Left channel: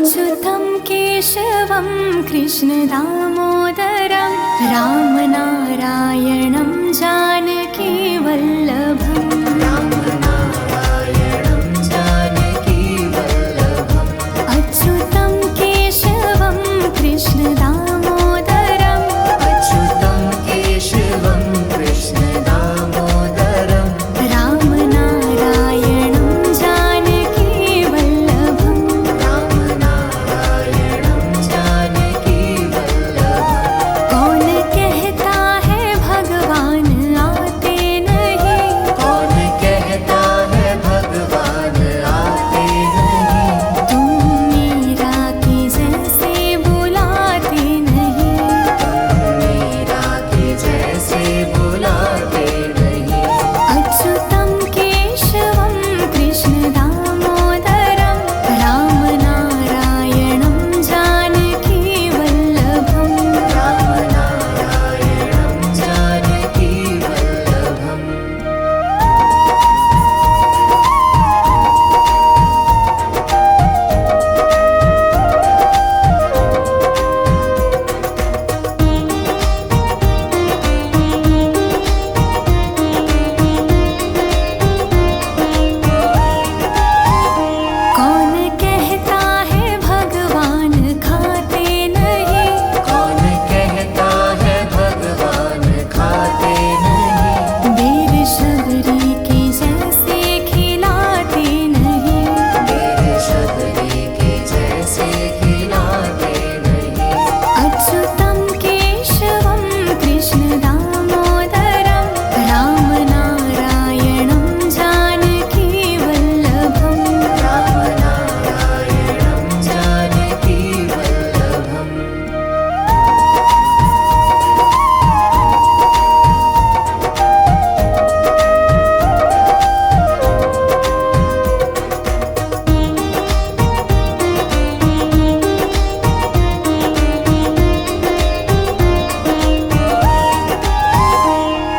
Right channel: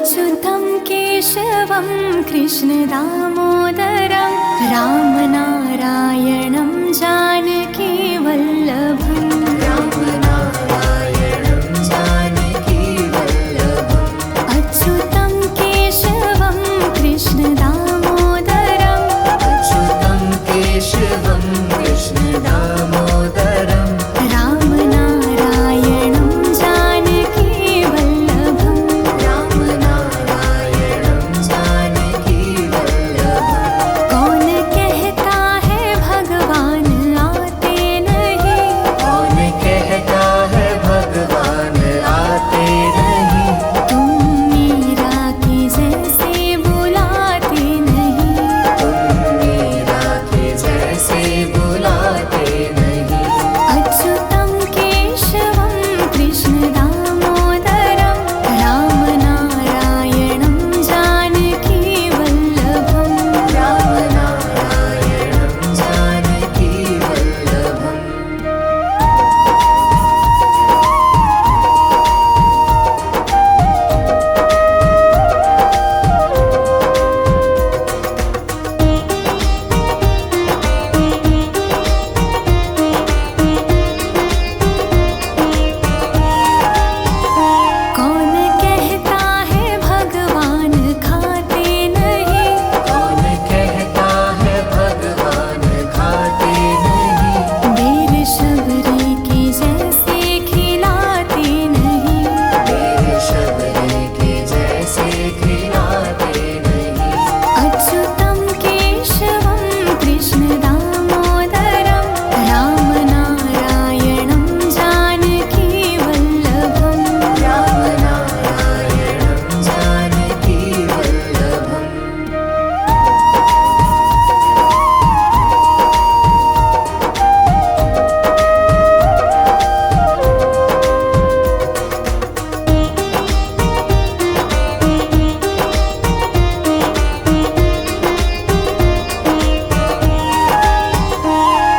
अच्युतं केशवं कृष्णदामोदरं रामनारायणं जानकीवल्लभम् अच्युतं केशवं कृष्णदामोदरं रामनारायणं जानकीवल्लभम् कौन कहता है भगवान आते नहीं, कौन कहता है भगवान आते नहीं, तुम मीरा की जैसे बुलाते नहीं, मीरा के जैसे बुलाते नहीं। अच्युतं केशवं कृष्णदामोदरं रामनारायणं जानकीवल्लभम् रामनारायणं जानकीवल्लभम् कौन कहता है भगवान खाते नहीं, कौन कहता है भगवान खाते नहीं, बेर शबरी की जैसे खिलाते नहीं, मेरे शबरी के जैसे खिलाते नहीं। अच्युतं केशवं कृष्णदामोदरं रामनारायणं जानकीवल्लभम् रामनारायणं जानकीवल्लभम्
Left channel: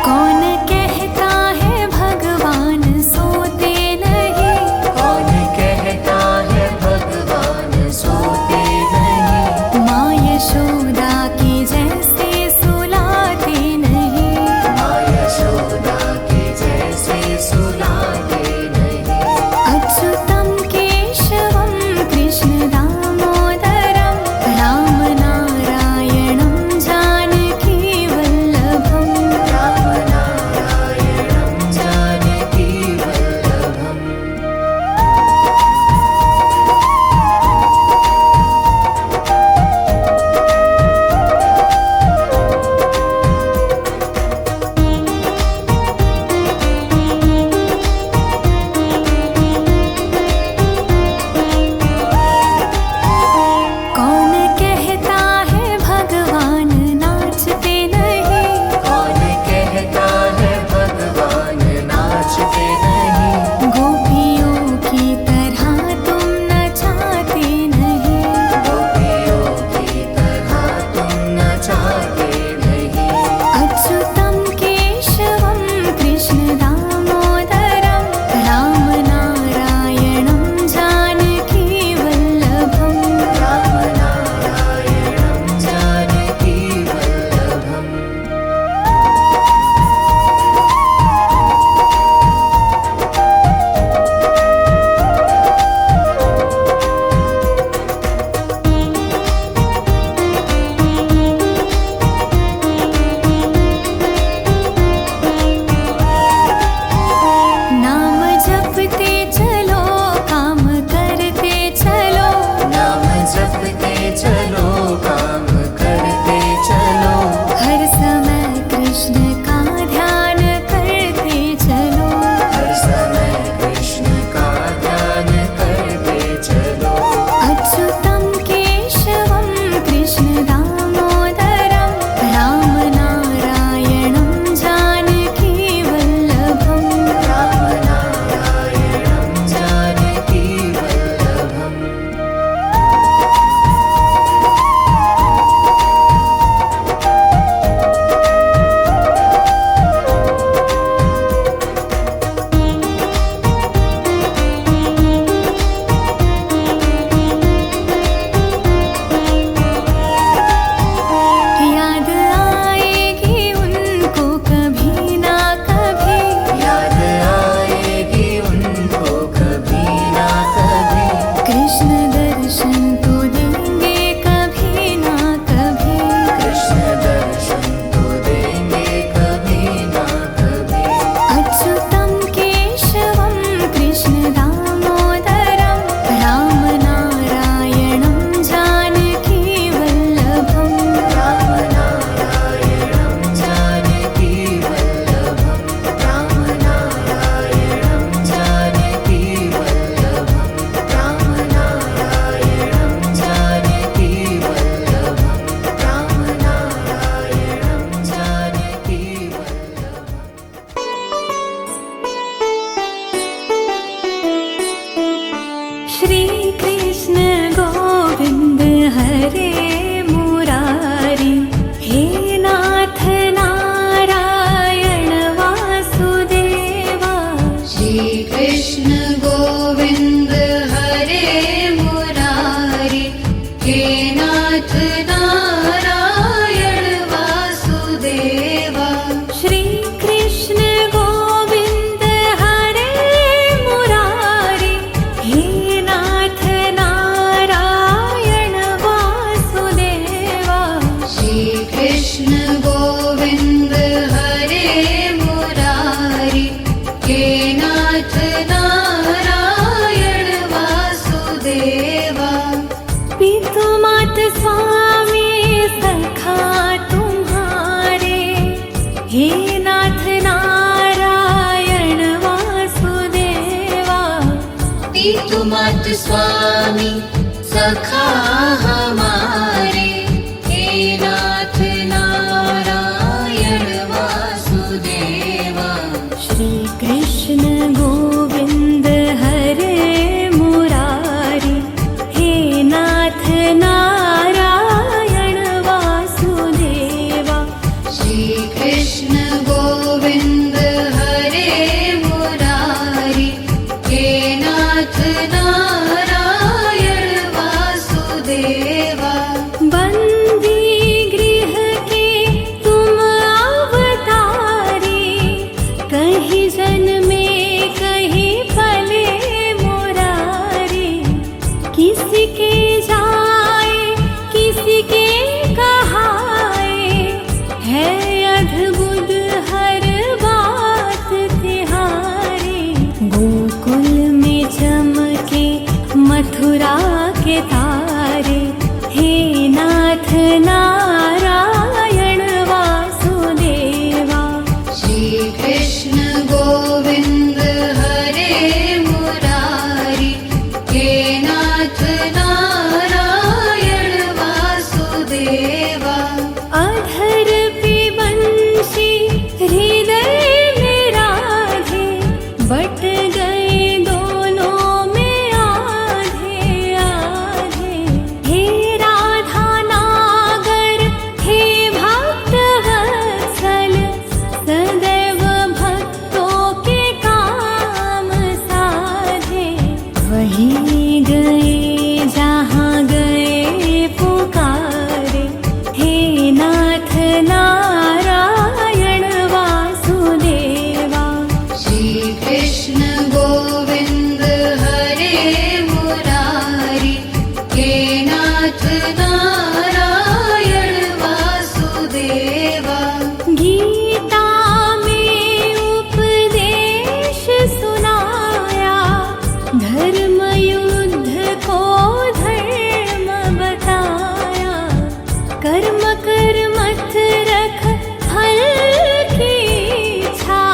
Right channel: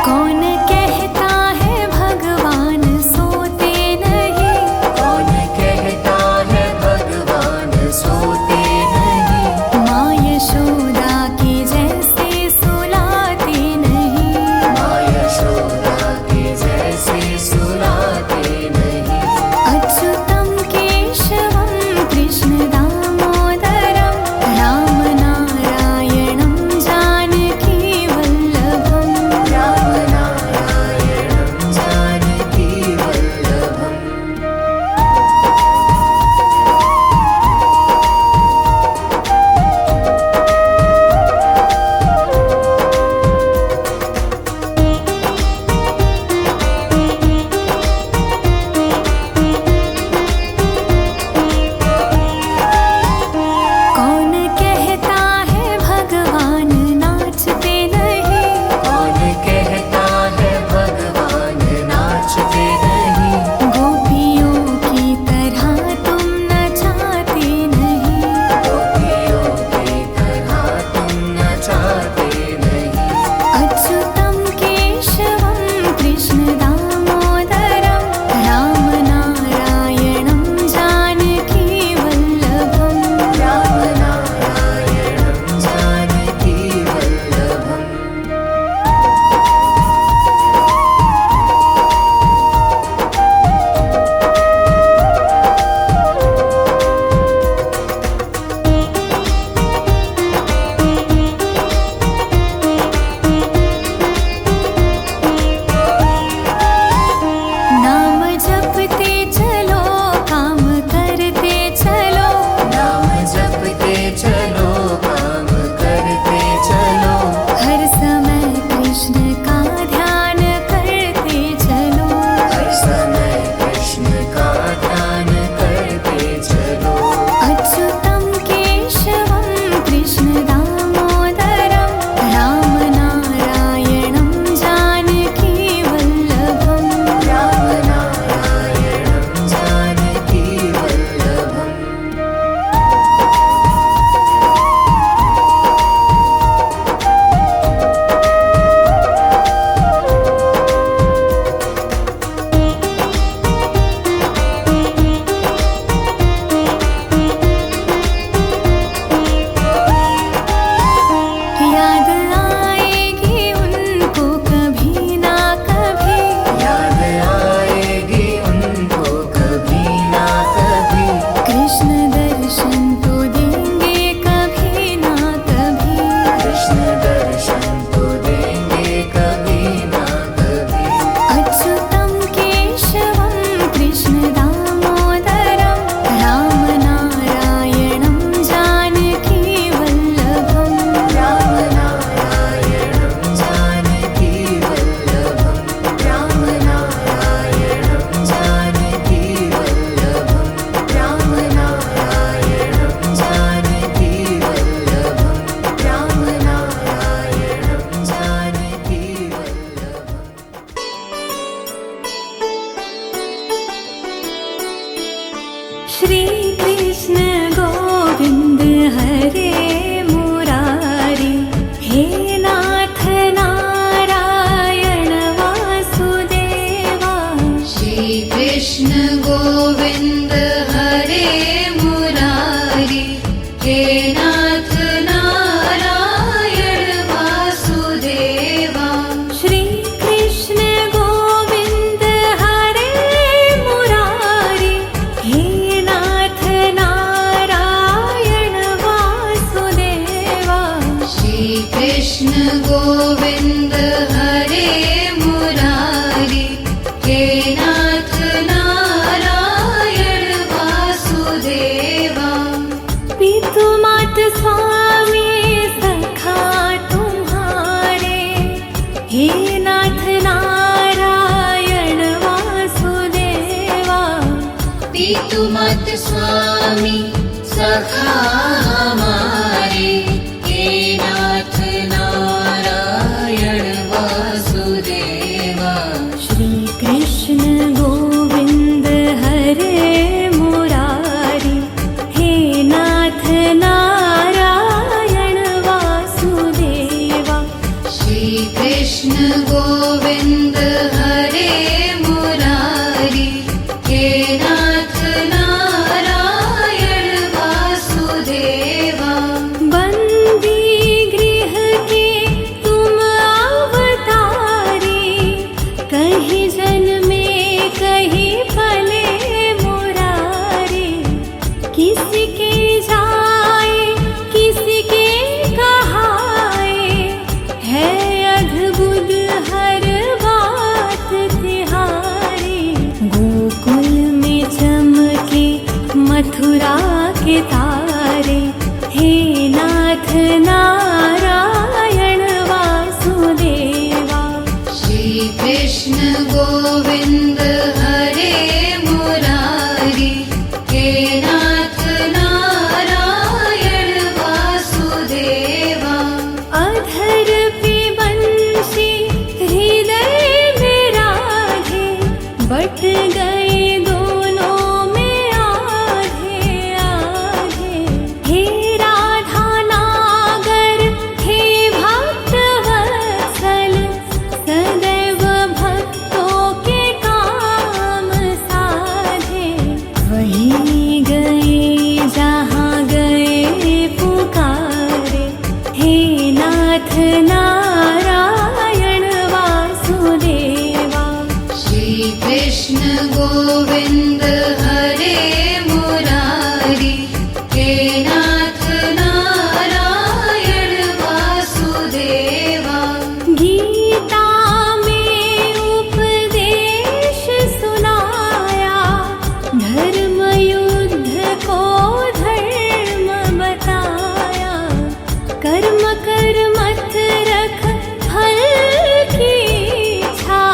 कौन कहता है भगवान सोते नहीं, कौन कहता है भगवान सोते नहीं, माँ यशोदा की जैसे सुलाते नहीं, माँ यशोदा के जैसे सुलाते नहीं। अच्युतं केशवं कृष्णदामोदरं रामनारायणं जानकीवल्लभम् रामनारायणं जानकीवल्लभम् स्वामी सखा तुम्हारे, हे नाथ नारायण वासुदेवा। पितुमात स्वामी सखा हमारे, हे नाथ नारायण वासुदेवा। श्री कृष्ण गोविंद हरे मुरारी, हे नाथ नारायण वासुदेवा। श्री कृष्ण गोविंद हरे मुरारी, हे नाथ नारायण वासुदेवा। बंदी गृह के तुम अवतारी, कहीं जन्मे कहीं पले मुरारी। किसी के जाए किसी के कहाए, है अद्भुत हर बात तिहारी। गोकुल में चमके मथुरा के तारे, हे नाथ नारायण वासुदेवा। श्री कृष्ण गोविंद हरे मुरारी, हे नाथ नारायण वासुदेवा। अधर पे बंशी हृदय में राधे, बट गए दोनों में आधे आधे। हे राधा नागर हे भक्त वत्सल, सदैव भक्तों के काम साधे। वहीं गए जहाँ गए पुकारे, हे नाथ नारायण वासुदेवा। श्री कृष्ण गोविंद हरे मुरारी, हे नाथ नारायण वासुदेवा। गीता में उपदेश सुनाया, धर्म युद्ध को धर्म बताया। कर्म कर मत रख फल की इच्छा,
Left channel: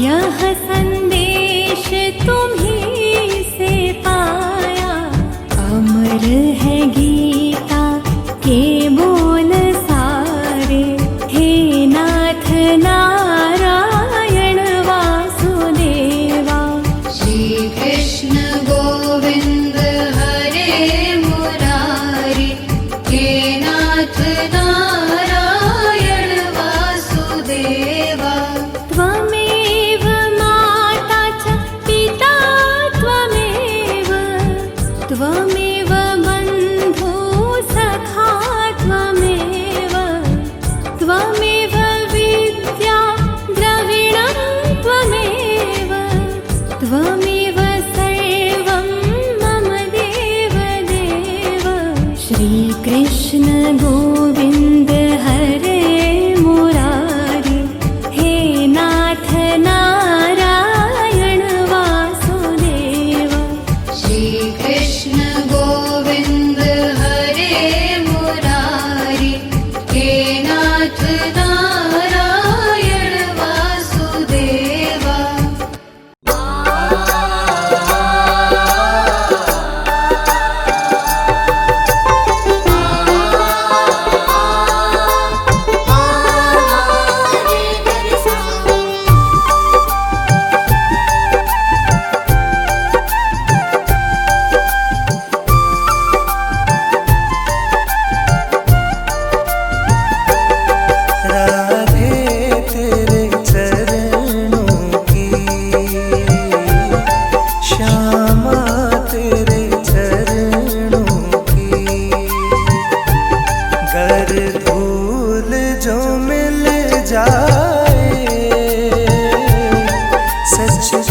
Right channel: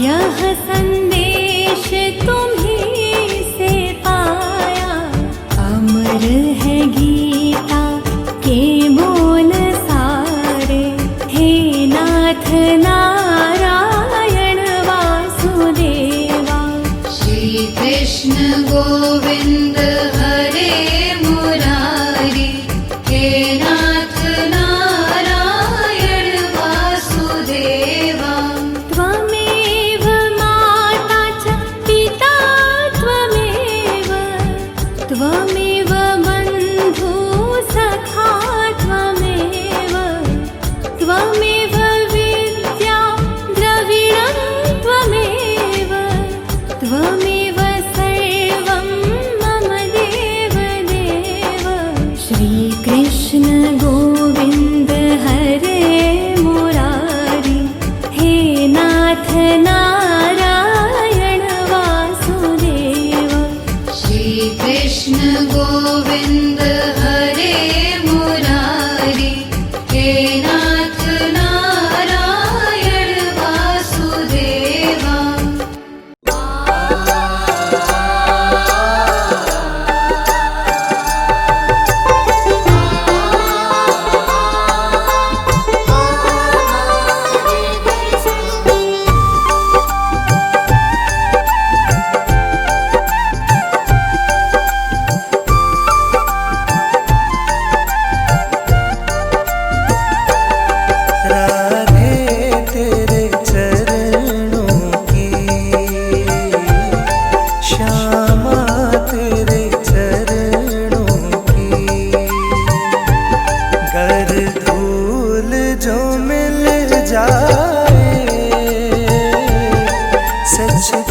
यह संदेश तुम्हीं से पाया। अमर है गीता के बोल सारे, हे नाथ नारायण वासुदेवा। श्री कृष्ण गोविंद हरे मुरारी, हे नाथ नारायण वासुदेवा। त्वमेव माता च पिता त्वमेव, त्वमेव बन्धु सखा त्वमेव। त्वमेव विद्या द्रविणं त्वमेव, त्वमेव सर्वं मम देव देव। श्री कृष्ण गोविंद हरे मुरारी, हे नाथ नारायण वासुदेवा। श्री कृष्ण गोविंद हरे मुरारी, हे नाथ नारायण वासुदेवा।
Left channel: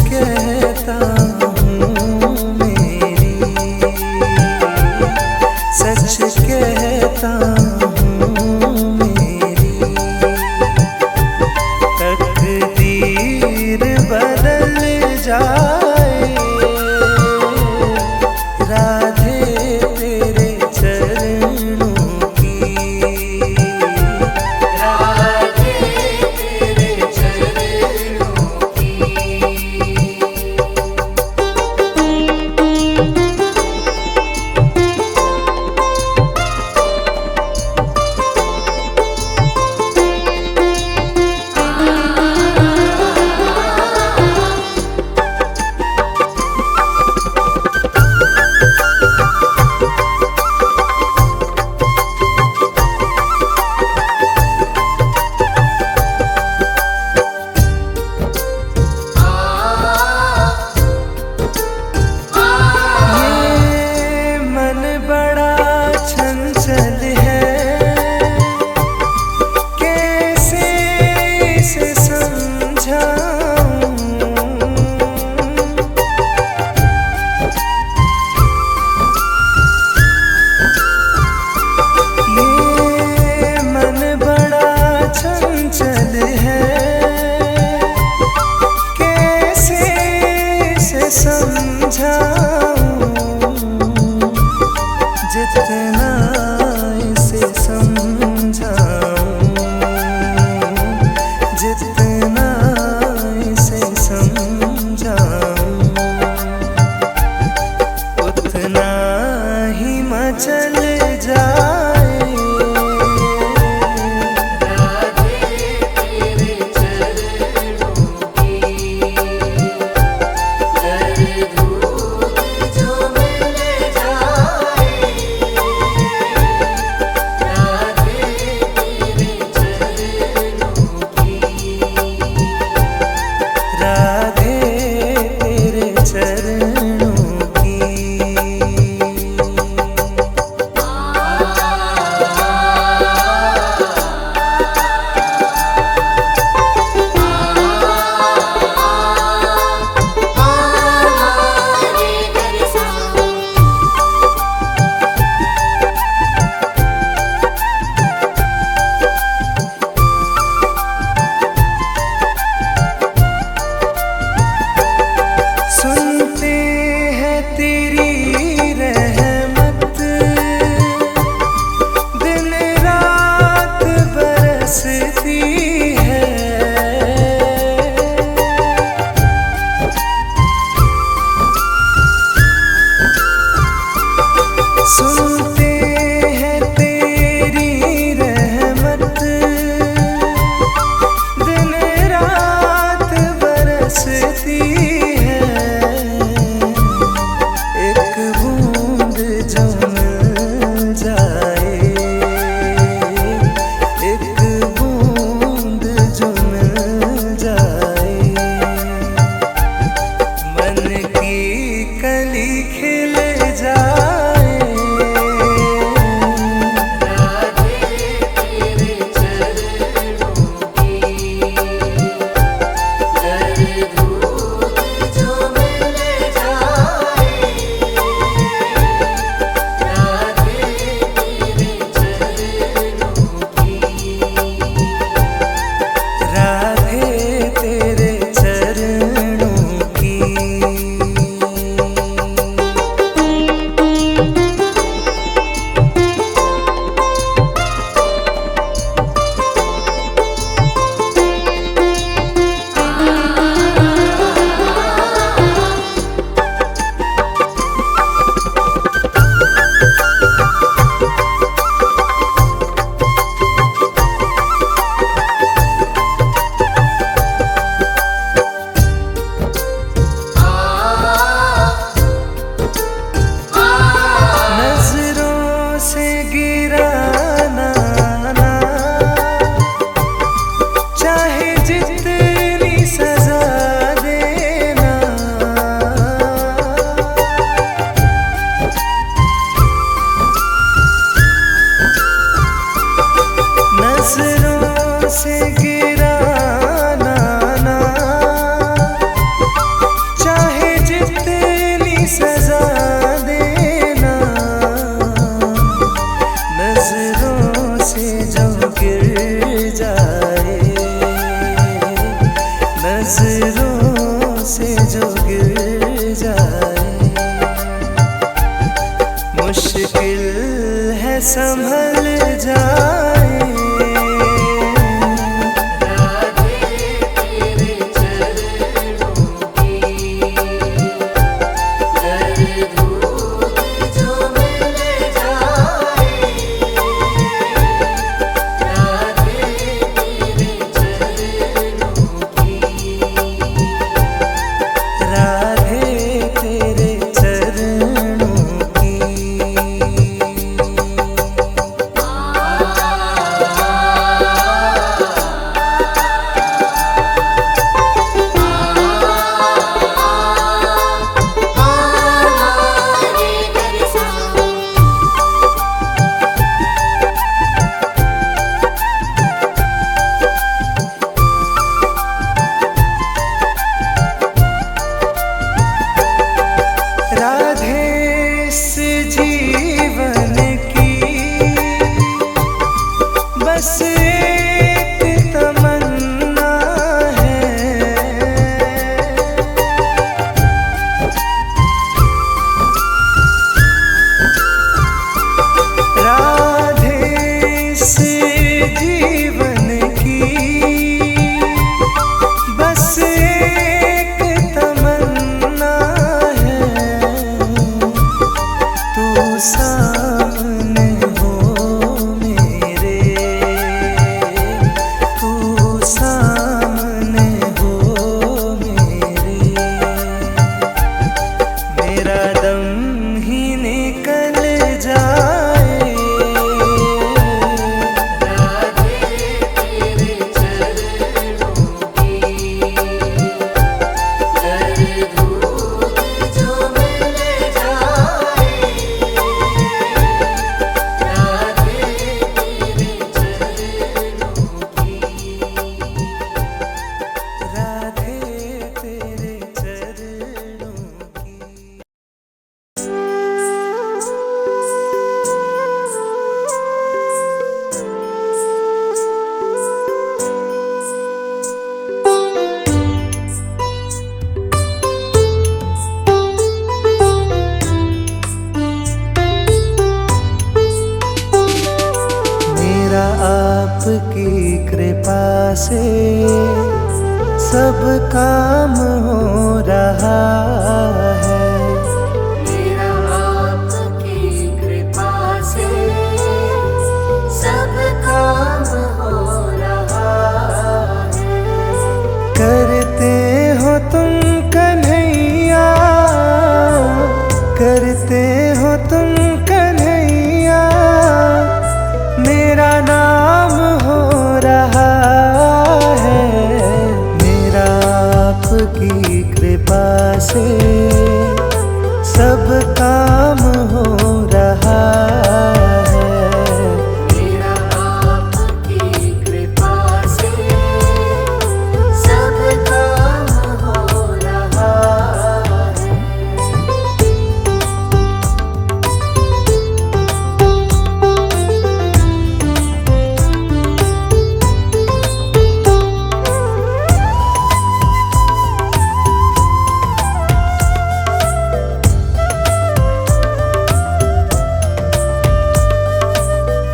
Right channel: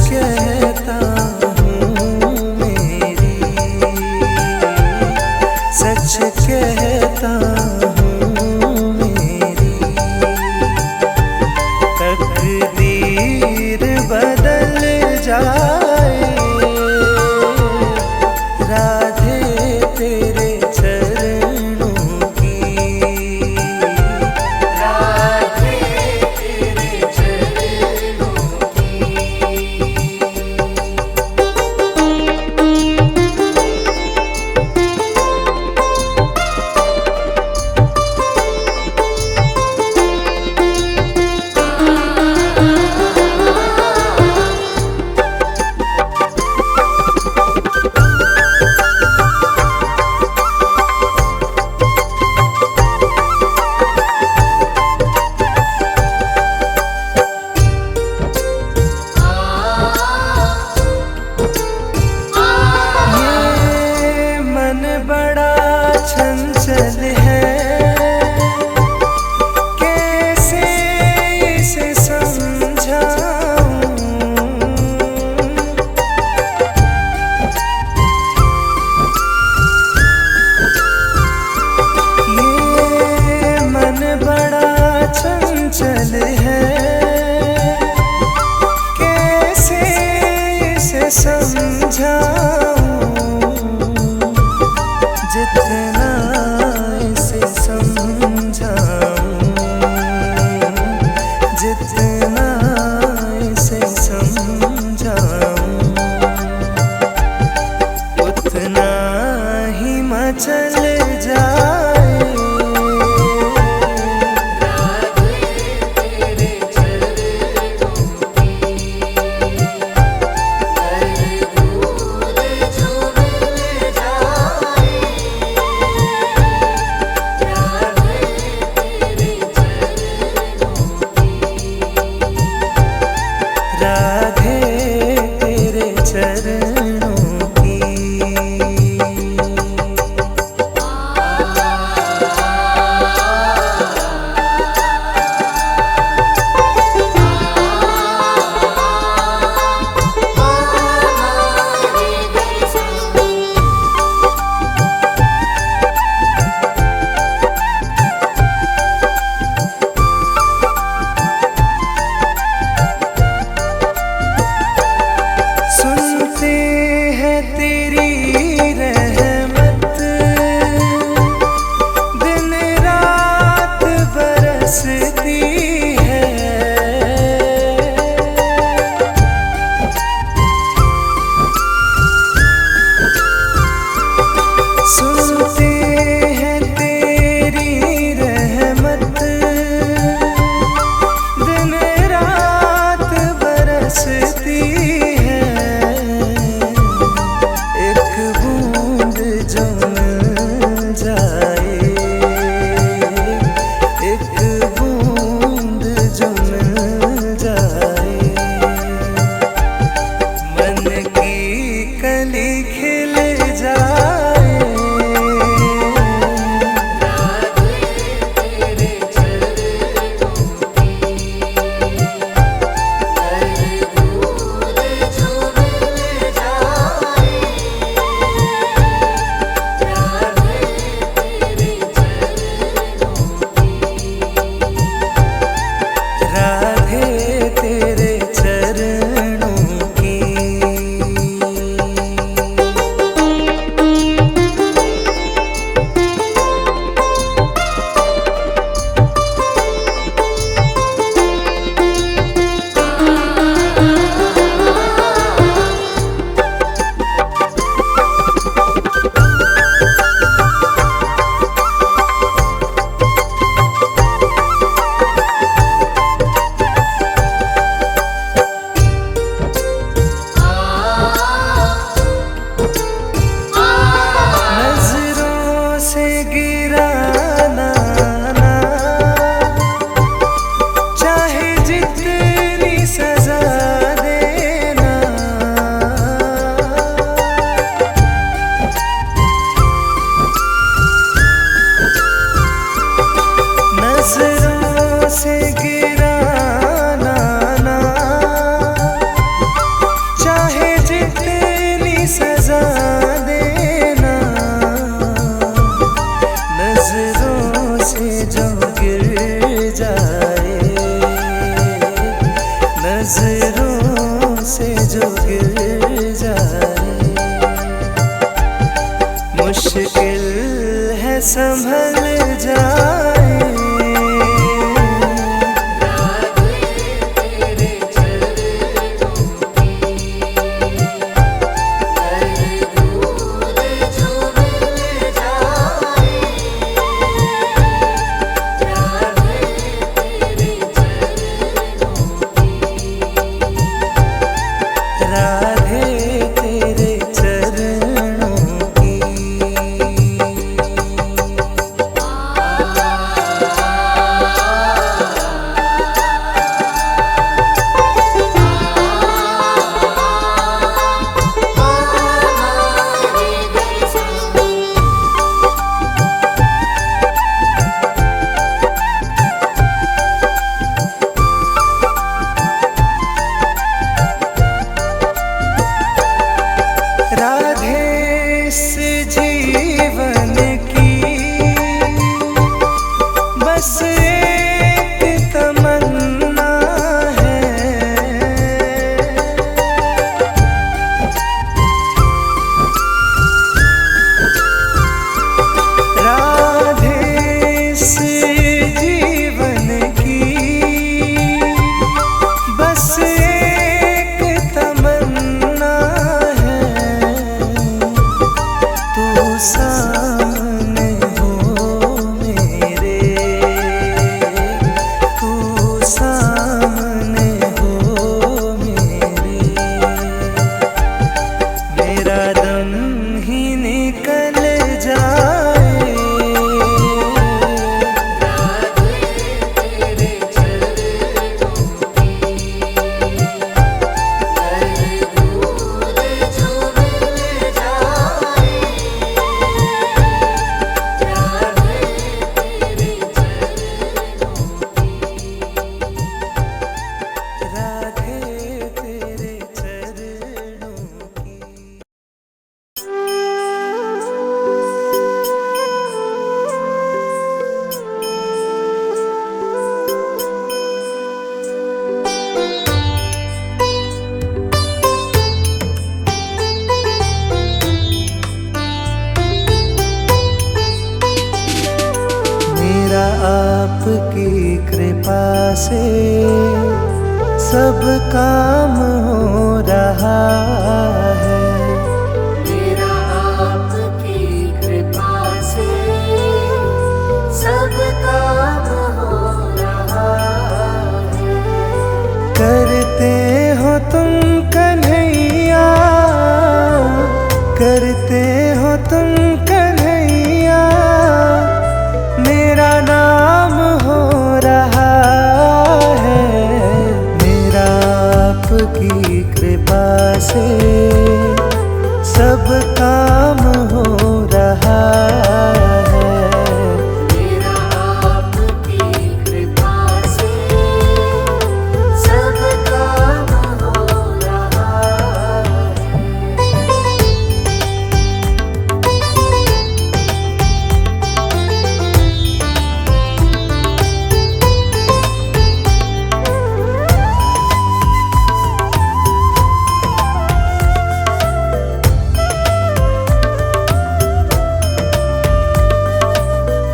कहता हूँ मेरी, सच कहता हूँ मेरी, तकदीर बदल जाए राधे तेरे चरणों चंचल है, कैसे इसे समझाऊं। ये मन बड़ा चंचल है, कैसे इसे समझाऊं। जितना इसे समझाऊं, जितना इसे समझाऊं, उतना ही मचल जाए। राधे तेरे चरणों की। सुनते हैं तेरी रहमत, दिन रात बरसती है। सुनते हैं तेरी रहमत, दिन रात बरसती है। एक बूंद जो मिल जाए, एक बूंद जो मिल जाए, मन की कली खिल जाए। राधे तेरे चरणों की। नजरों से गिराना ना, चाहे जितनी सजा देना। नजरों से गिराना ना, चाहे जितनी सजा देना। नजरों से जो गिर जाए, नजरों से जो गिर जाए, मुश्किल है संभल जाए। राधे तेरे चरणों की। बस एक तमन्ना है, राधे इस जीवन की बस एक तमन्ना है, तू सामने हो मेरे, तू सामने हो मेरे, मेरा दम ही निकल जाए। राधे तेरे चरणों की। मेरा आपकी कृपा से सब काम हो रहा है, मेरा आपकी कृपा से सब काम हो रहा है। करते हो तुम कन्हैया, करते हो तुम कन्हैया, मेरा नाम हो रहा है, मेरा आपकी कृपा से सब काम हो रहा है। मेरा आपकी कृपा से सब काम हो रहा है।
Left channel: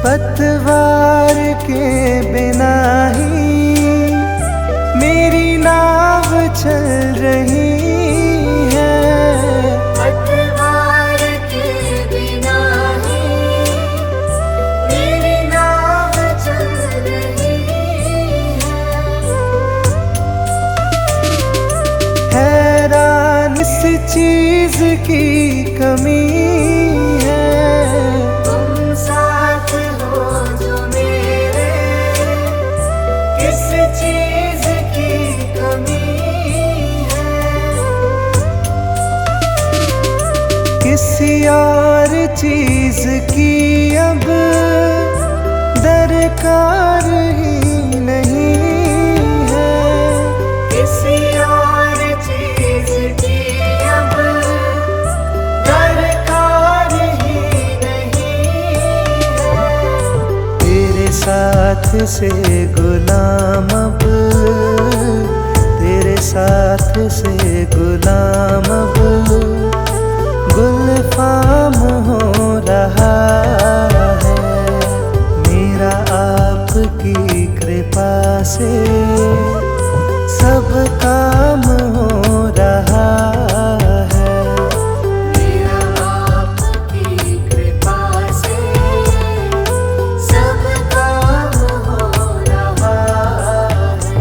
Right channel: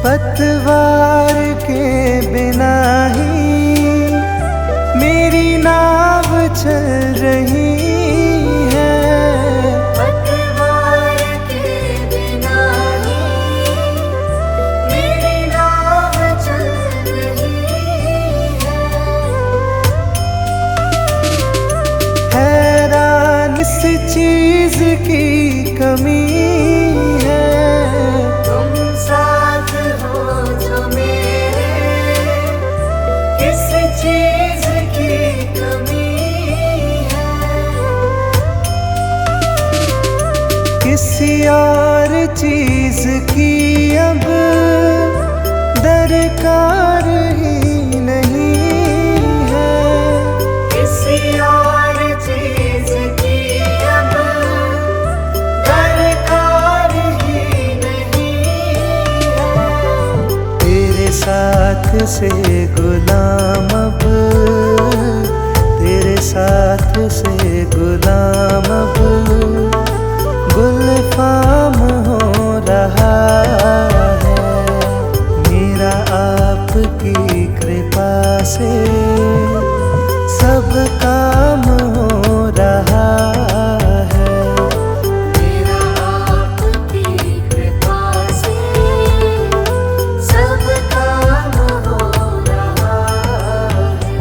पतवार के बिना ही मेरी नाव चल रही है, पतवार के बिना ही मेरी नाव चल रही है। हैरान इस चीज की कमी है, तुम साथ हो जो मेरे, किस चीज की कमी है। किसी और चीज की अब दरकार ही नहीं है, किसी और चीज की अब दरकार ही नहीं है। तेरे साथ से गुलाम अब, तेरे साथ से गुलाम अब गुलफाम हो रहा है, मेरा आपकी कृपा से सब काम हो रहा है। मेरा आपकी कृपा से सब काम हो रहा है।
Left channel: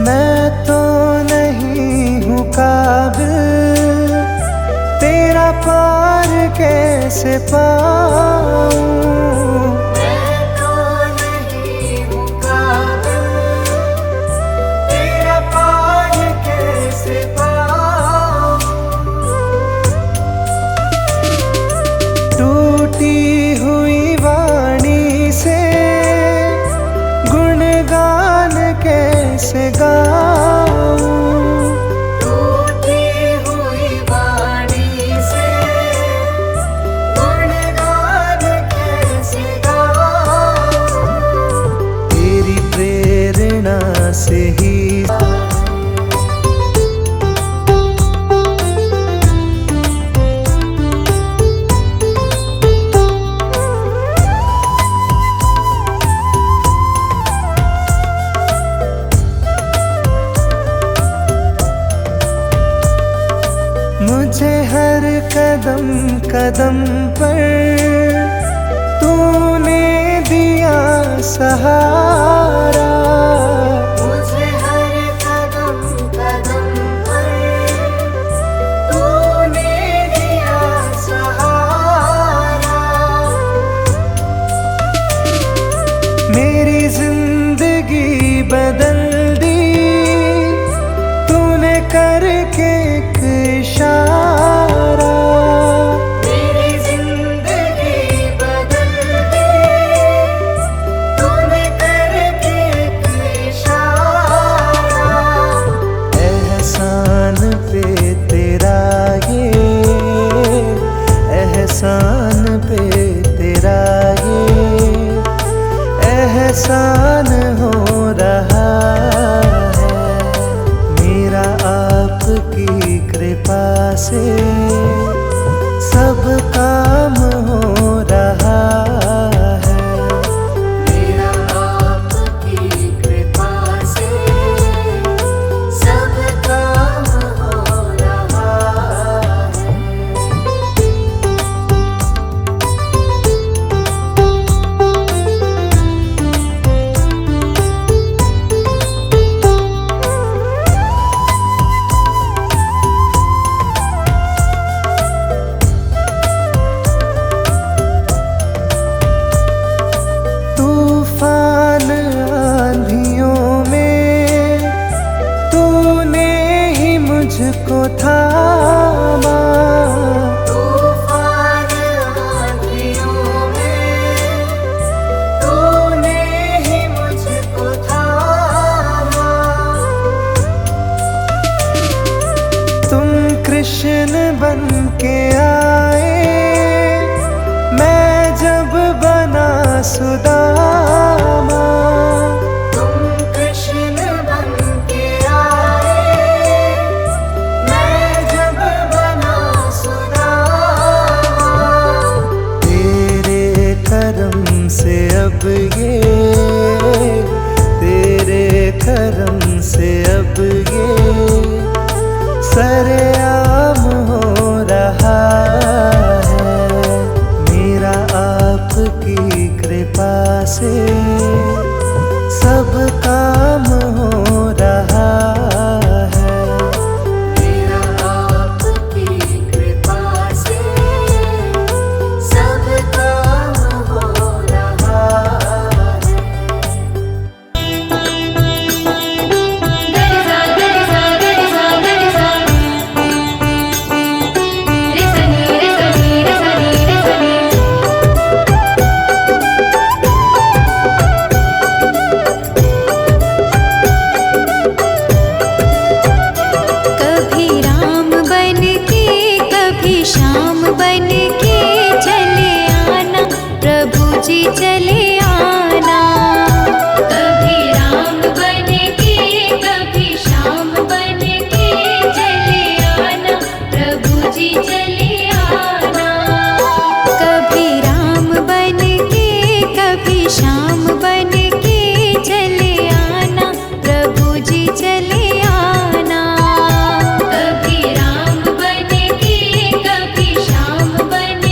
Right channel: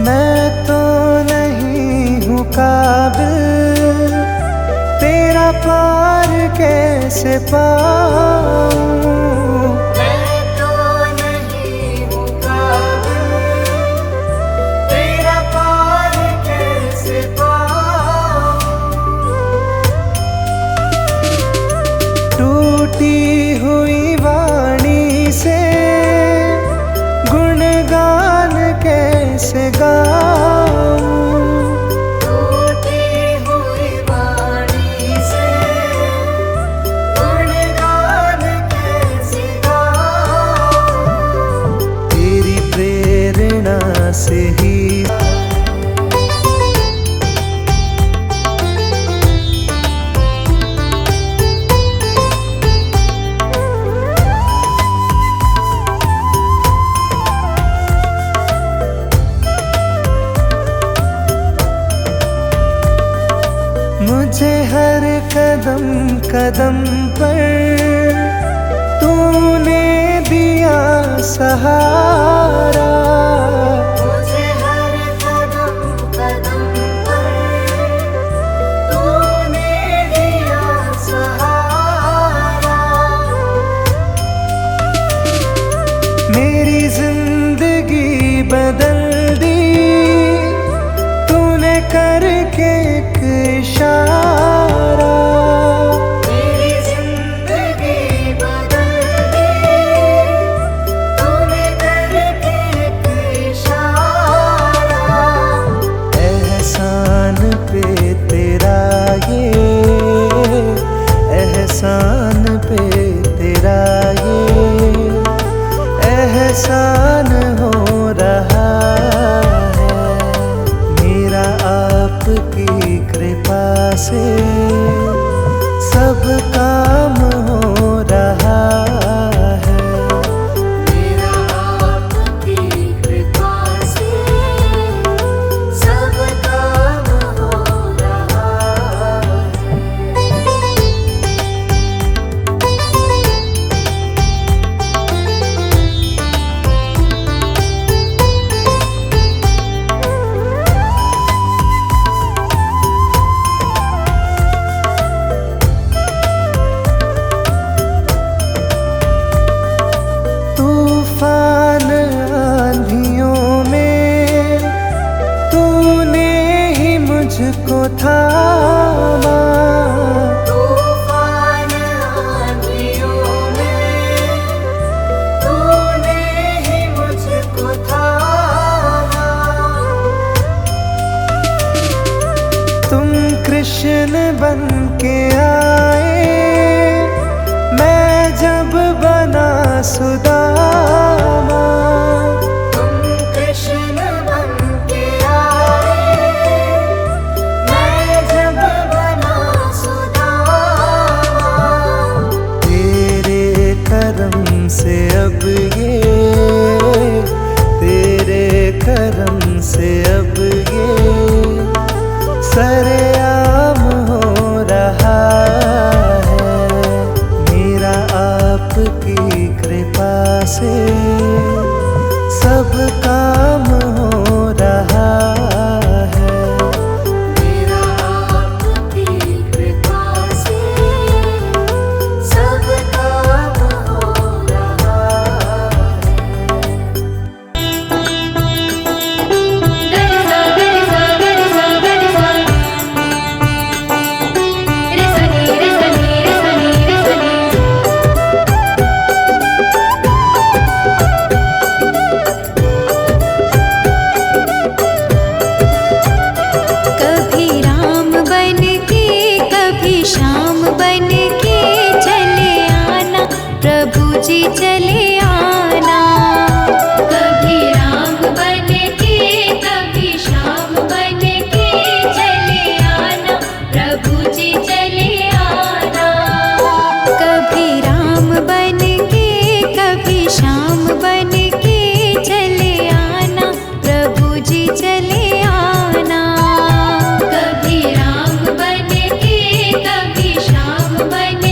मैं तो नहीं हूँ काबिल, तेरा पार कैसे पाऊँ, मैं तो नहीं हूँ काबिल, तेरा पार कैसे पाऊँ। टूटी हुई वाणी से गुणगान कैसे गाऊं। टूटी हुई वाणी से गुणगान कैसे गाऊं। तेरी प्रेरणा से ही मुझे हर कदम कदम पर तूने दिया सहारा। मुझे हर कदम कदम पर तूने दिया सहारा। मेरी जिंदगी बदल दी तूने करके एक इशारा। मेरी जिंदगी बदल दी तूने करके एक इशारा। एहसान पे तेरा ये, एहसान पे तेरा ये एहसान हो रहा है मेरा आपकी कृपा से सब काम हो रहा है। मेरा आपकी कृपा से सब काम हो रहा है। तूफान आंधियों में तूने ही मुझको थामा। तूफान आंधियों में तूने ही मुझको थामा। तुम कृष्ण बन के आए मैं जब बना सुदामा। तुम कृष्ण बन के आए मैं जब बना सुदामा। तेरे करम से अब ये, तेरे करम से अब ये सरेआम हो रहा है मेरा आपकी कृपा से सब काम हो रहा है। मेरा आपकी कृपा से सब काम हो रहा है। कभी राम बन के कभी श्याम बन के चले आना प्रभु जी चले आना। कभी राम बन के कभी श्याम बन के चले आना प्रभु जी चले आना। कभी राम बन के कभी श्याम बन के चले आना प्रभु जी चले आना। कभी राम बन के कभी श्याम बन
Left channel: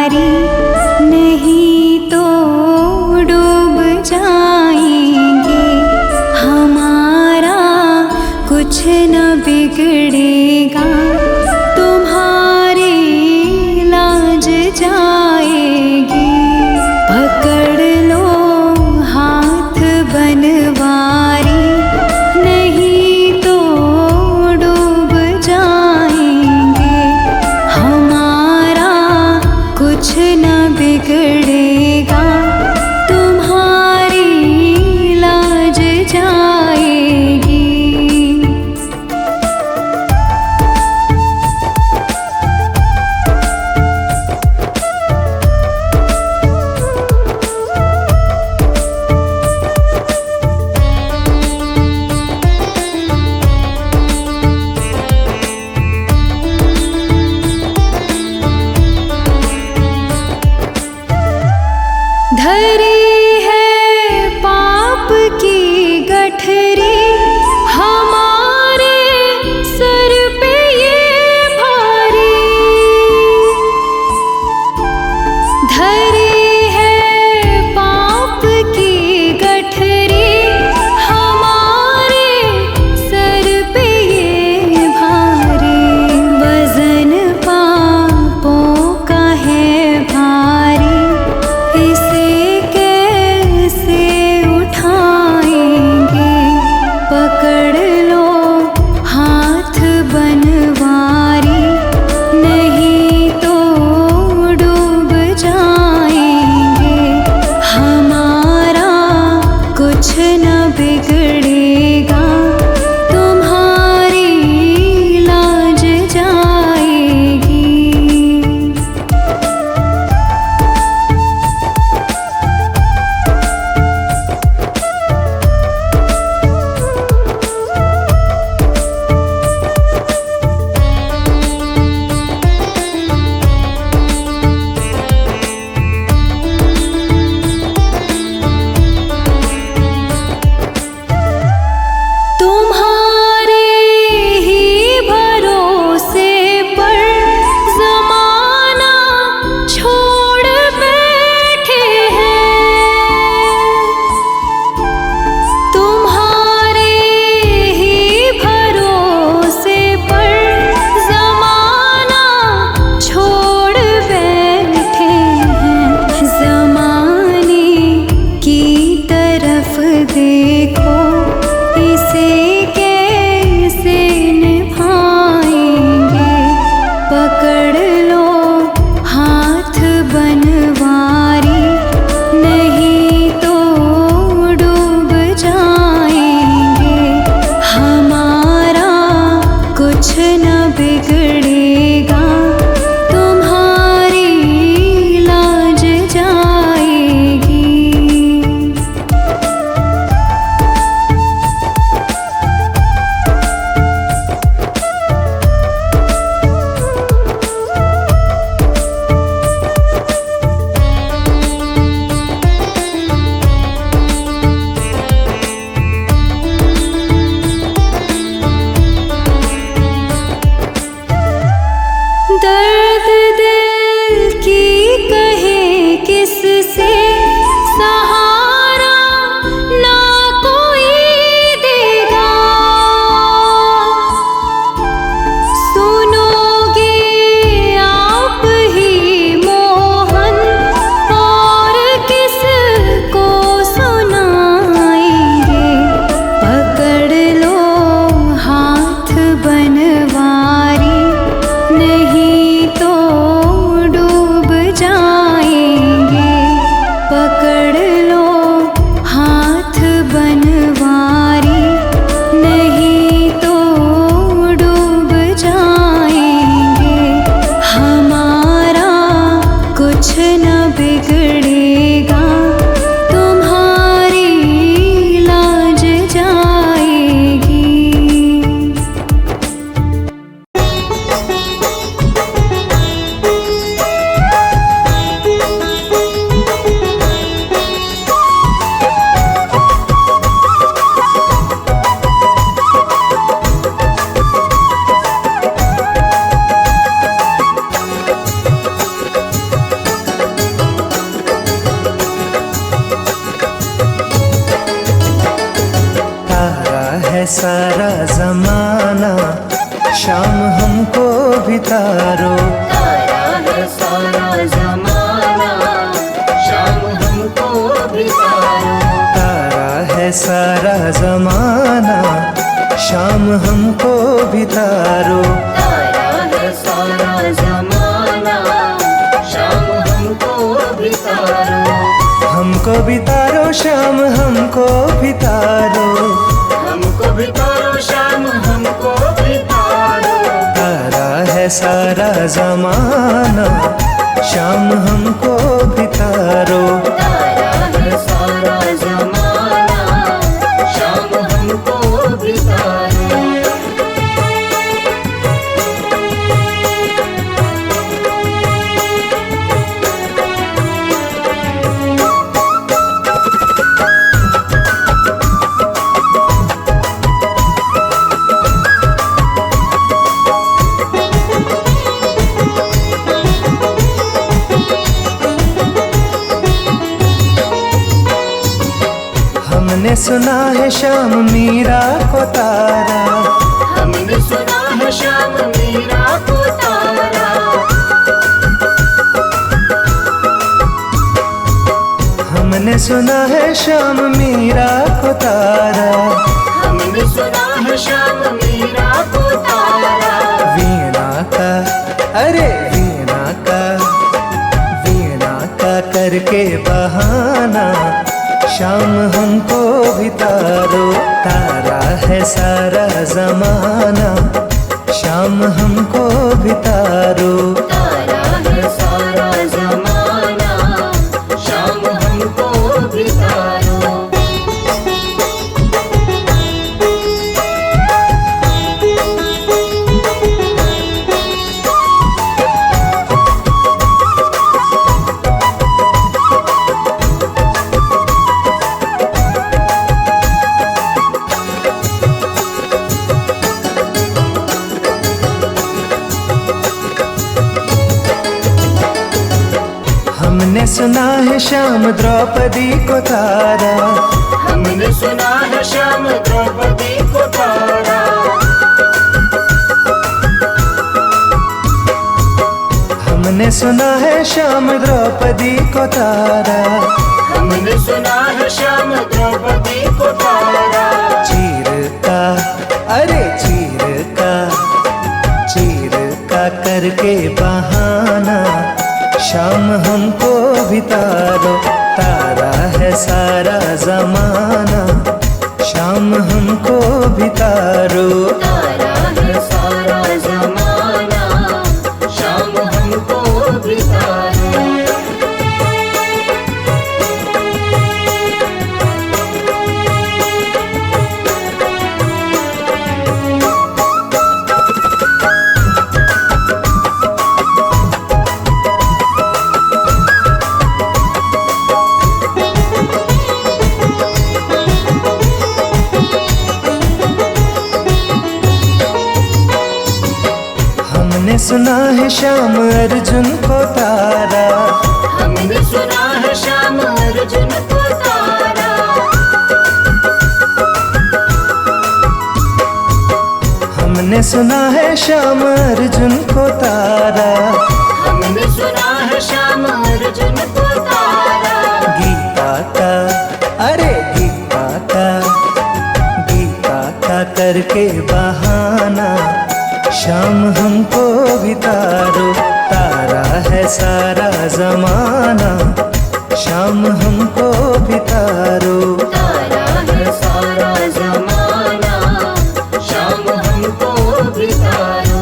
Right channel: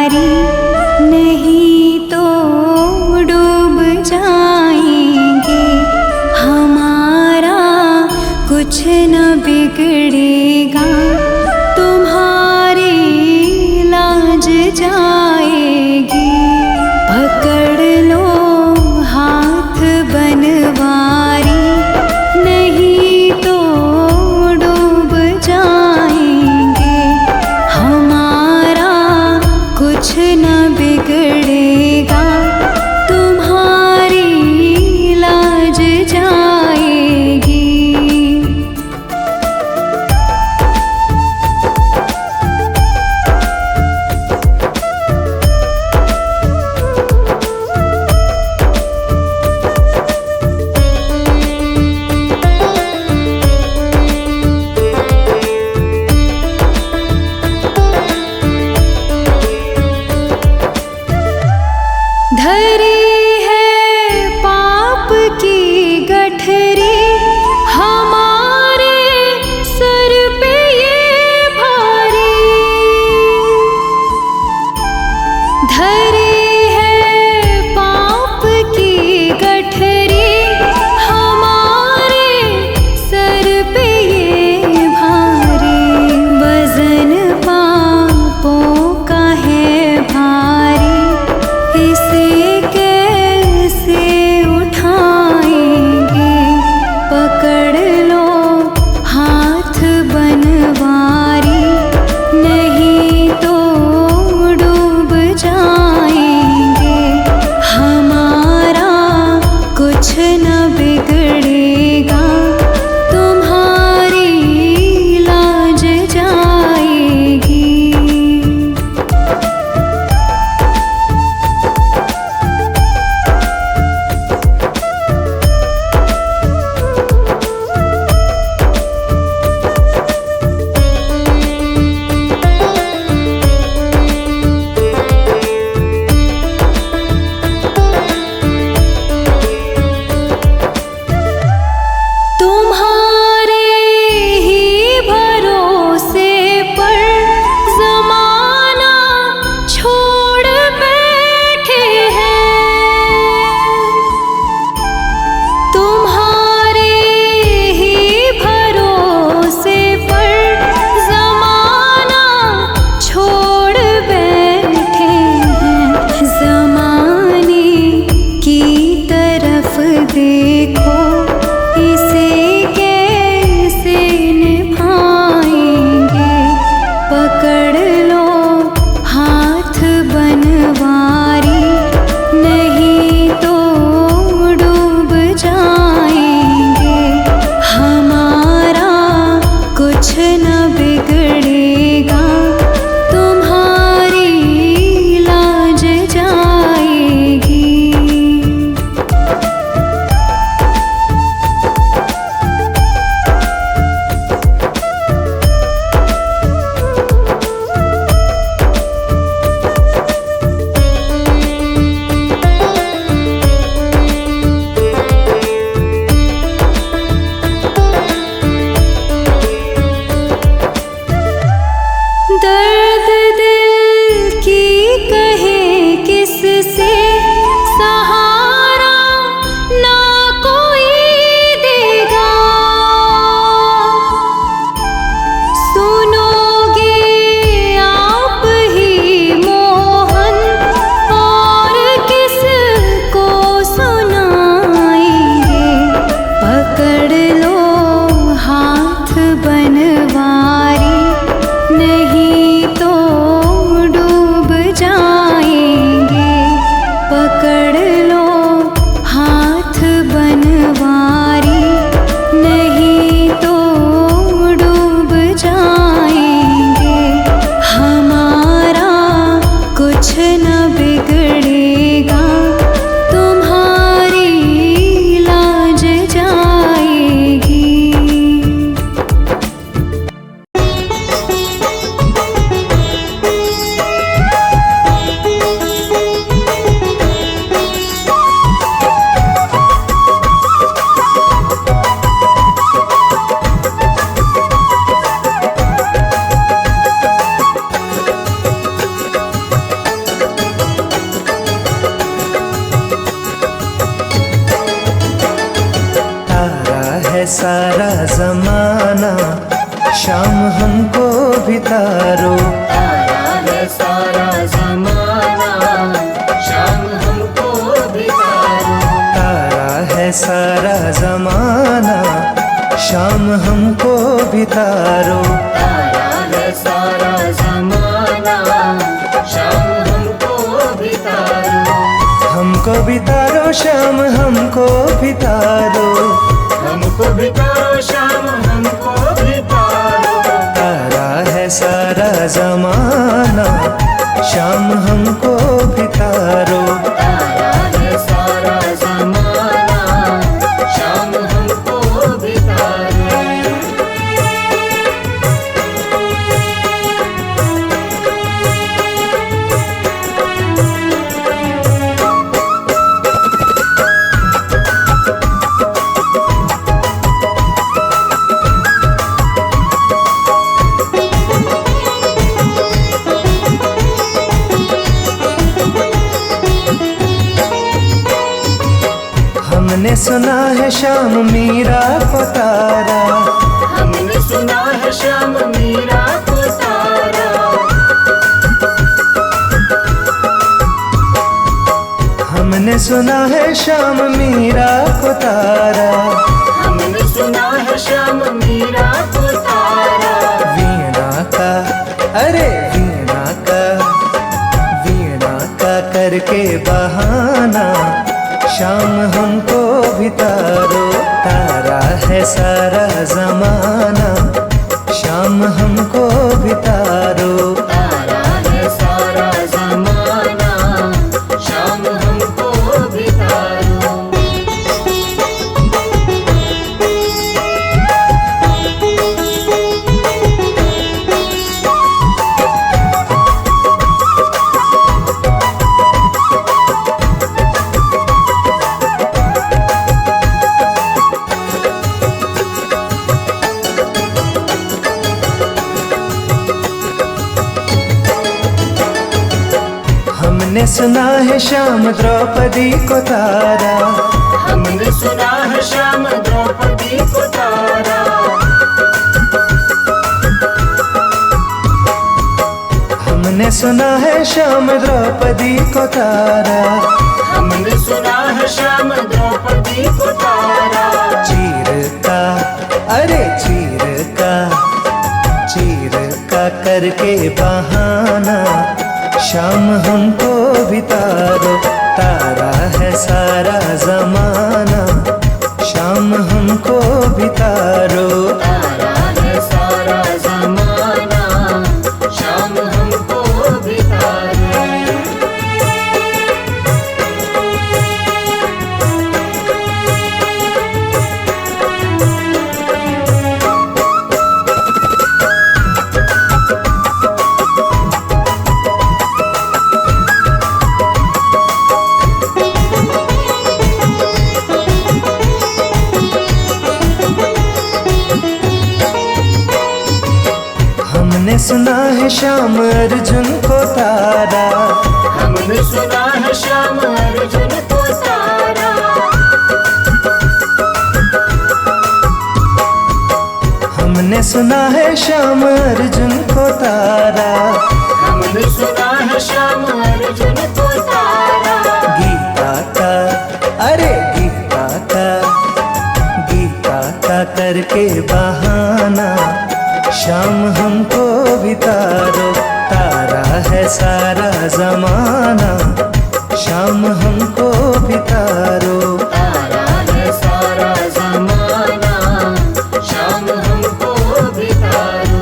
बनवारी, नहीं तो डूब जाएंगे। हमारा कुछ न बिगड़ेगा, तुम्हारी लाज जाएगी। पकड़ लो हाथ बनवारी, नहीं तो डूब जाएंगे। हमारा कुछ न बिगड़ेगा, तुम्हारी लाज जाएगी। धरी है पाप की गठरी, हमारे सर पे ये भारी। धरी है पाप की गठरी, हमारे सर पे ये भारी। वजन पापों का है भारी, इसे कैसे उठाएंगे। पकड़ लो हाथ बनवारी, नहीं तो डूब जाएंगे। हमारा कुछ न बिगड़ेगा, तुम्हारी लाज जाएगी। तुम्हारे ही भरोसे पर ज़माना छोड़ बैठे हैं। तुम्हारे ही भरोसे पर ज़माना छोड़ बैठे हैं। ज़माने की तरफ देखो, इसे कैसे निभाएंगे। पकड़ लो हाथ बनवारी, नहीं तो डूब जाएंगे। हमारा कुछ न बिगड़ेगा, तुम्हारी लाज जाएगी। है सारा जमाना, शाम हमको भी तारो। तारा है सारा जमाना, शाम हमको भी तारो। तारा है सारा जमाना, शाम हमको भी तारो। तारा है सारा जमाना, शाम हमको भी तारो। हमको भी तारो, शाम हमको भी तारो। हमको भी तारो, शाम हमको भी तारो। तारा है सारा जमाना, शाम हमको भी तारो। तारा है सारा जमाना, शाम हमको भी तारो। हमने सुना है शाम मीरा को तारा। हमने सुना है शाम मीरा को तारा। हमने सुना है शाम मीरा को तारा। हमने सुना है शाम मीरा को तारा। वीणा का, अरे वीणा का, वीणा का करके बहाना, शाम हमको भी तारो। तारा है सारा जमाना, शाम हमको भी तारो। तारा है सारा जमाना, शाम हमको भी तारो। हमने सुना है शाम द्रौपदी को तारा। हमने सुना है शाम द्रौपदी को तारा। हमने सुना है शाम द्रौपदी को तारा। हमने सुना है शाम द्रौपदी को तारा। चीर का, अरे चीर का, चीर का करके बहाना, शाम हमको भी तारो। तारा है सारा जमाना, शाम हमको भी तारो। तारा है सारा जमाना, शाम हमको भी तारो। हमने सुना है शाम अर्जुन को तारा। हमने सुना है शाम अर्जुन को तारा। हमने सुना है शाम अर्जुन को तारा। हमने सुना है शाम अर्जुन को तारा। गीता का, अरे गीता का, गीता का करके बहाना, शाम हमको भी तारो। तारा है सारा जमाना, शाम हमको भी तारो। तारा है सारा जमाना, शाम हमको भी तारो।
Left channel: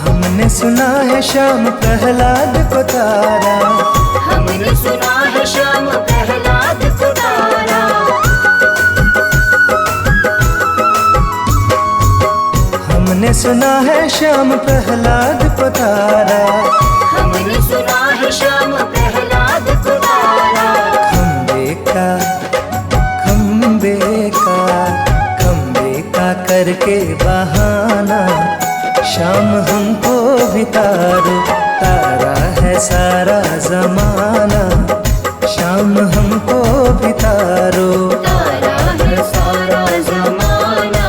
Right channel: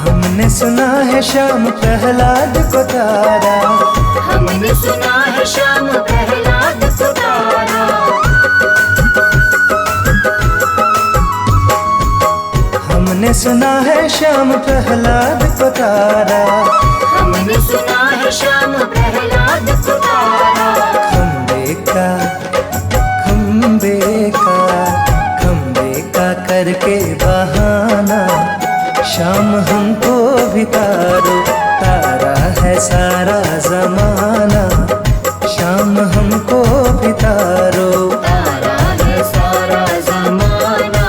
हमने सुना है शाम प्रहलाद को तारा। हमने सुना है शाम प्रहलाद को तारा। हमने हमने सुना है श्याम प्रहलाद को तारा, हमने सुना है श्याम प्रहलाद को तारा। खम्बे का करके बहाना, शाम हमको भी तारो, तारा है सारा जमाना, शाम हमको भी तारो। तारा है सारा जमाना,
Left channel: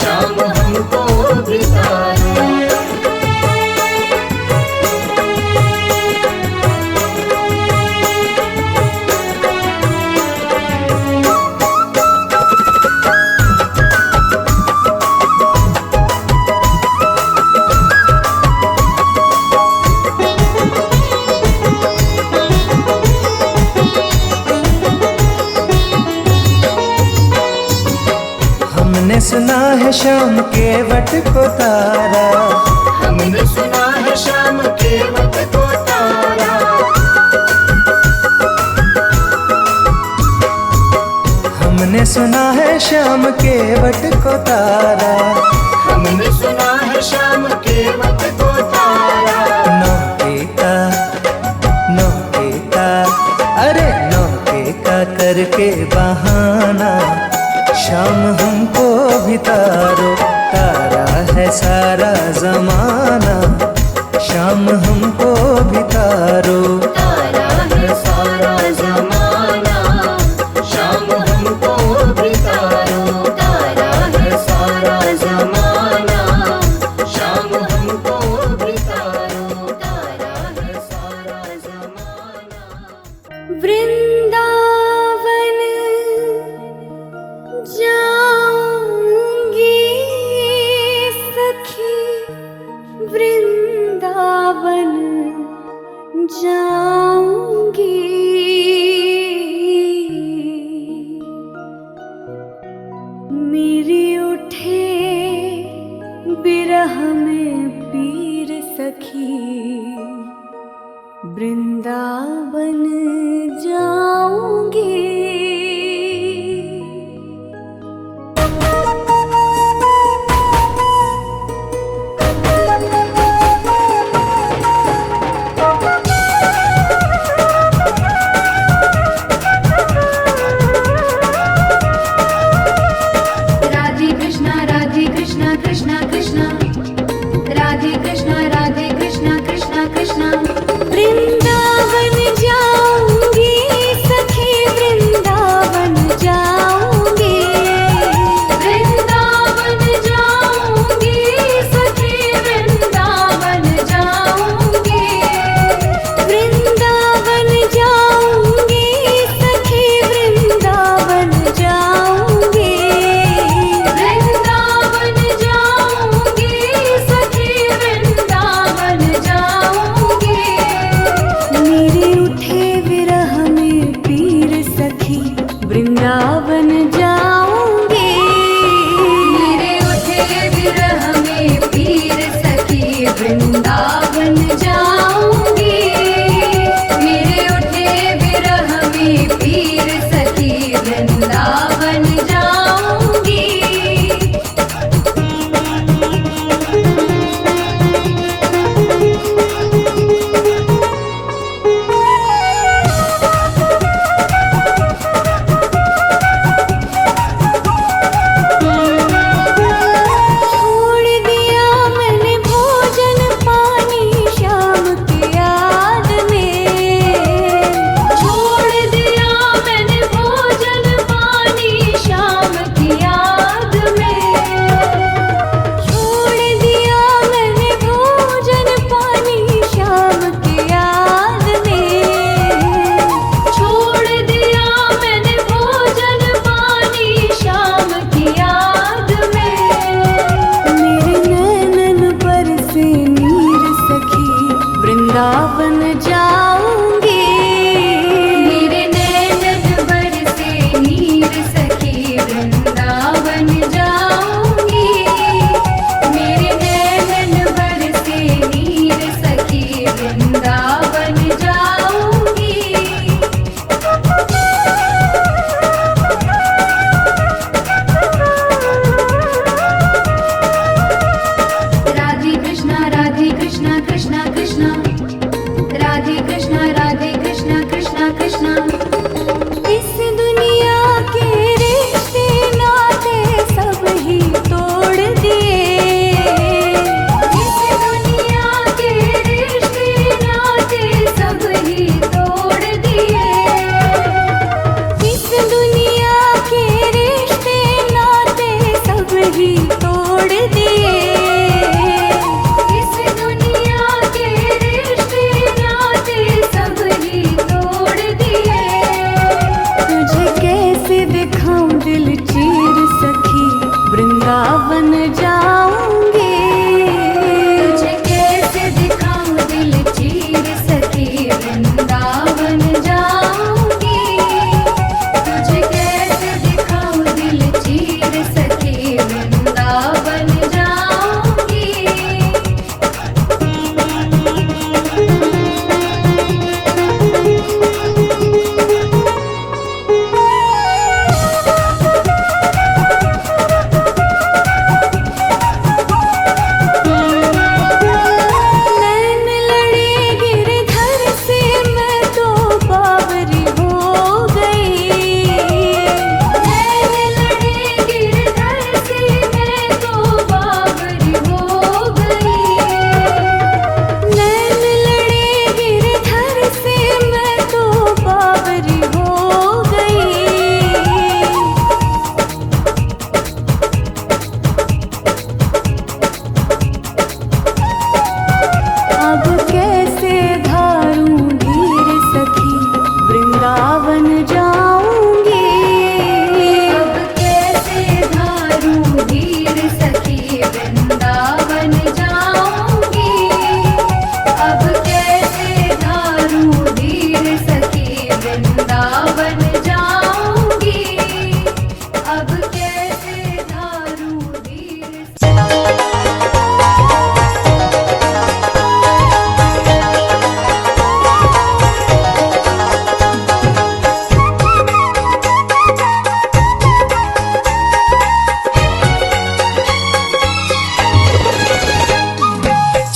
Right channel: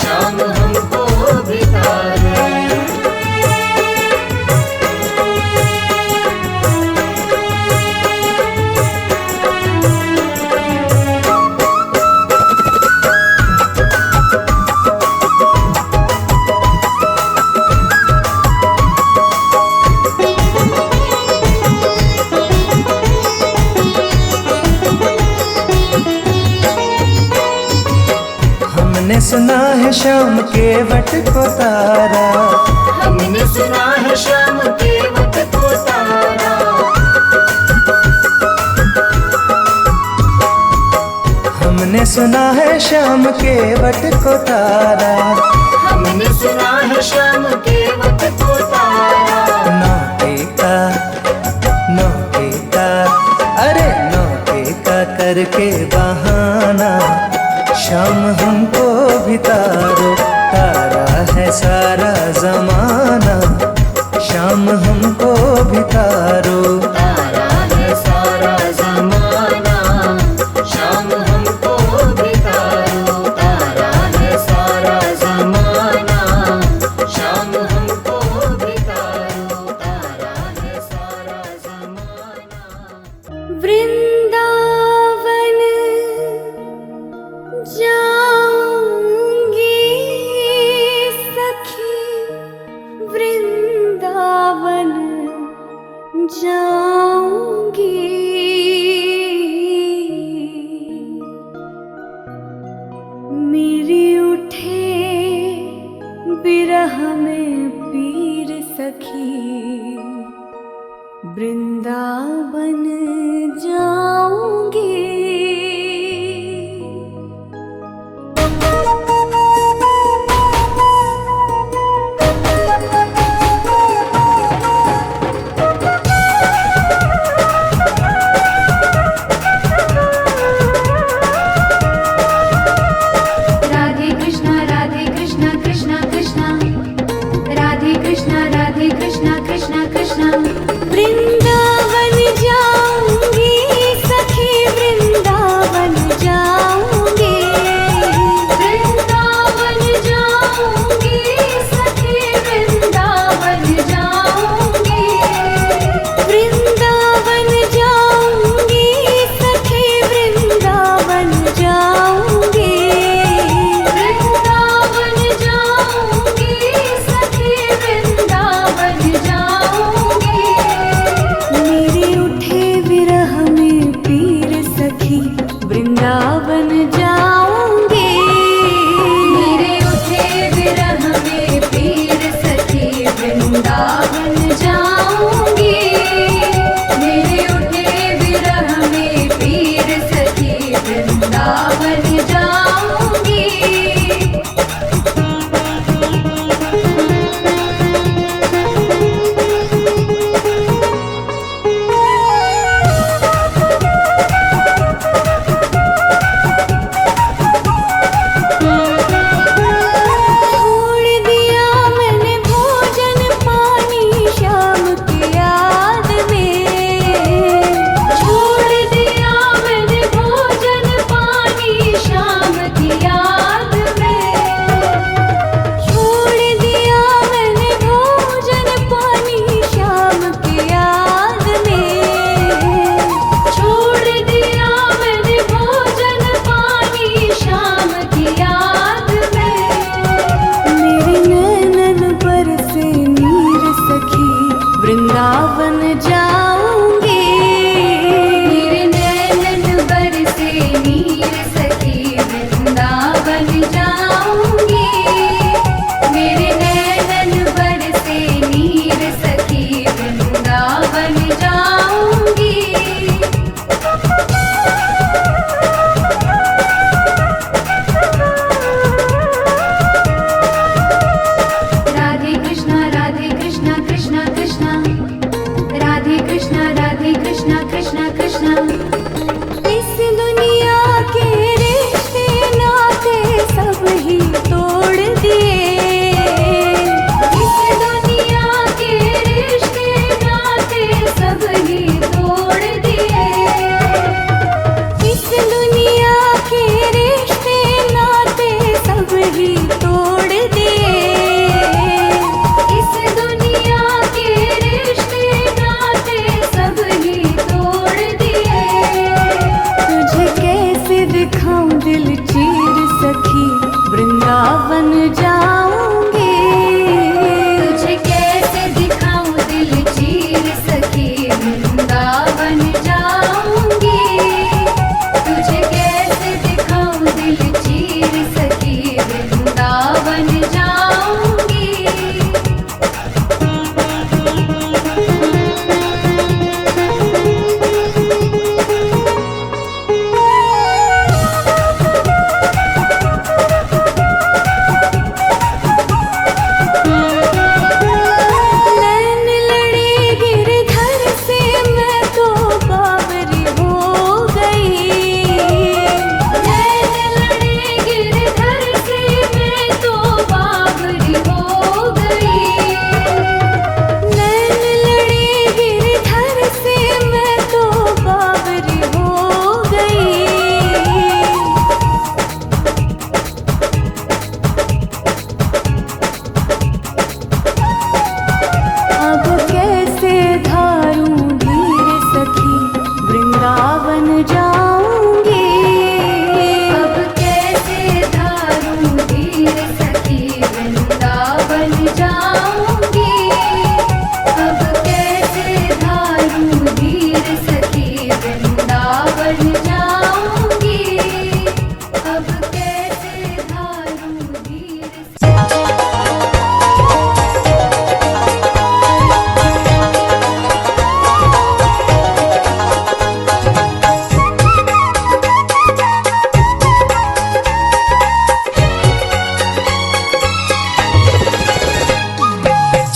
शाम हमको भी तारो। हमने सुना है श्याम के वट को तारा, हमने सुना है श्याम के वट को तारा। हमने सुना है श्याम के वट को तारा, हमने सुना है श्याम के वट को तारा। नौके का करके बहाना, शाम हमको भी तारो, तारा है सारा जमाना, शाम हमको भी तारो। तारा है सारा जमाना, शाम हमको भी तारो। तारा है सारा जमाना, शाम हमको भी तारो। तारा है सारा जमाना। वृंदावन जाऊंगी सखी, वृंदावन जाऊंगी। मेरी उठे बिरह में पीर सखी, वृंदावन जाऊंगी। राधे कृष्णा कृष्णा कृष्णा, राधे कृष्णा कृष्णा कृष्णा। वृंदावन जाऊंगी सखी, वृंदावन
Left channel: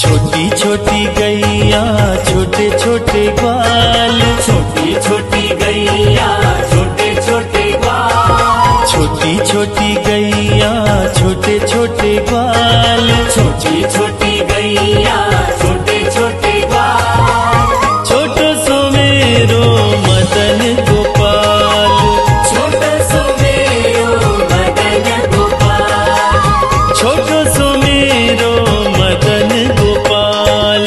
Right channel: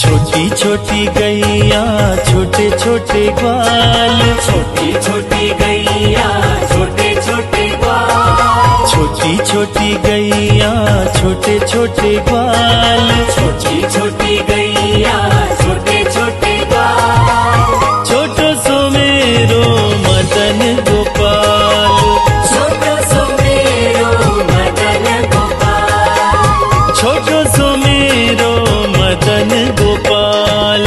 छोटी छोटी गैया छोटे छोटे ग्वाल, छोटी छोटी गैया छोटे छोटे ग्वाल, छोटी छोटी गैया छोटे छोटे ग्वाल, छोटी छोटी गैया छोटे छोटे ग्वाल, छोटो सो मेरो मदन गोपाल, छोटो सो मेरो मदन गोपाल, छोटो सो मेरो मदन गोपाल।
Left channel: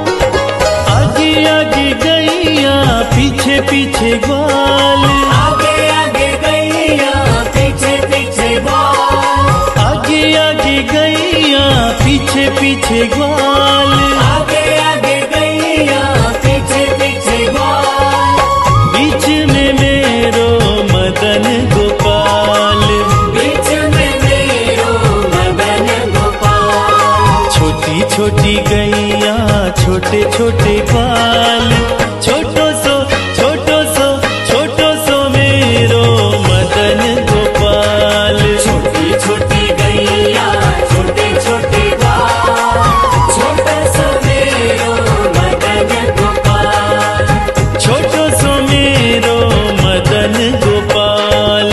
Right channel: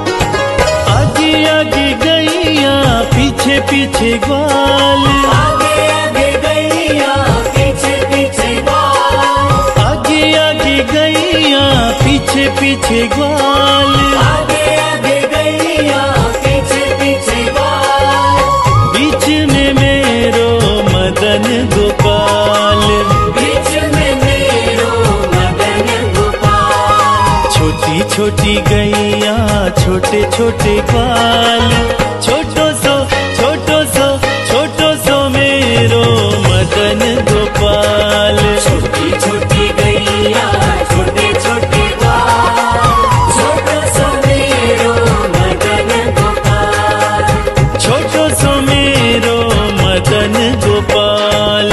आगे आगे गैया पीछे पीछे ग्वाल, आगे आगे गैया पीछे पीछे ग्वाल, आगे आगे गैया पीछे पीछे ग्वाल, आगे आगे गैया पीछे पीछे ग्वाल, बीच में मेरो मदन गोपाल, बीच में मेरो मदन गोपाल, छोटी छोटी गैया छोटे छोटे ग्वाल, छोटो सो मेरो मदन गोपाल, छोटी छोटी गैया छोटे छोटे ग्वाल, छोटा सा मेरो मदन गोपाल, छोटो सो मेरो मदन गोपाल।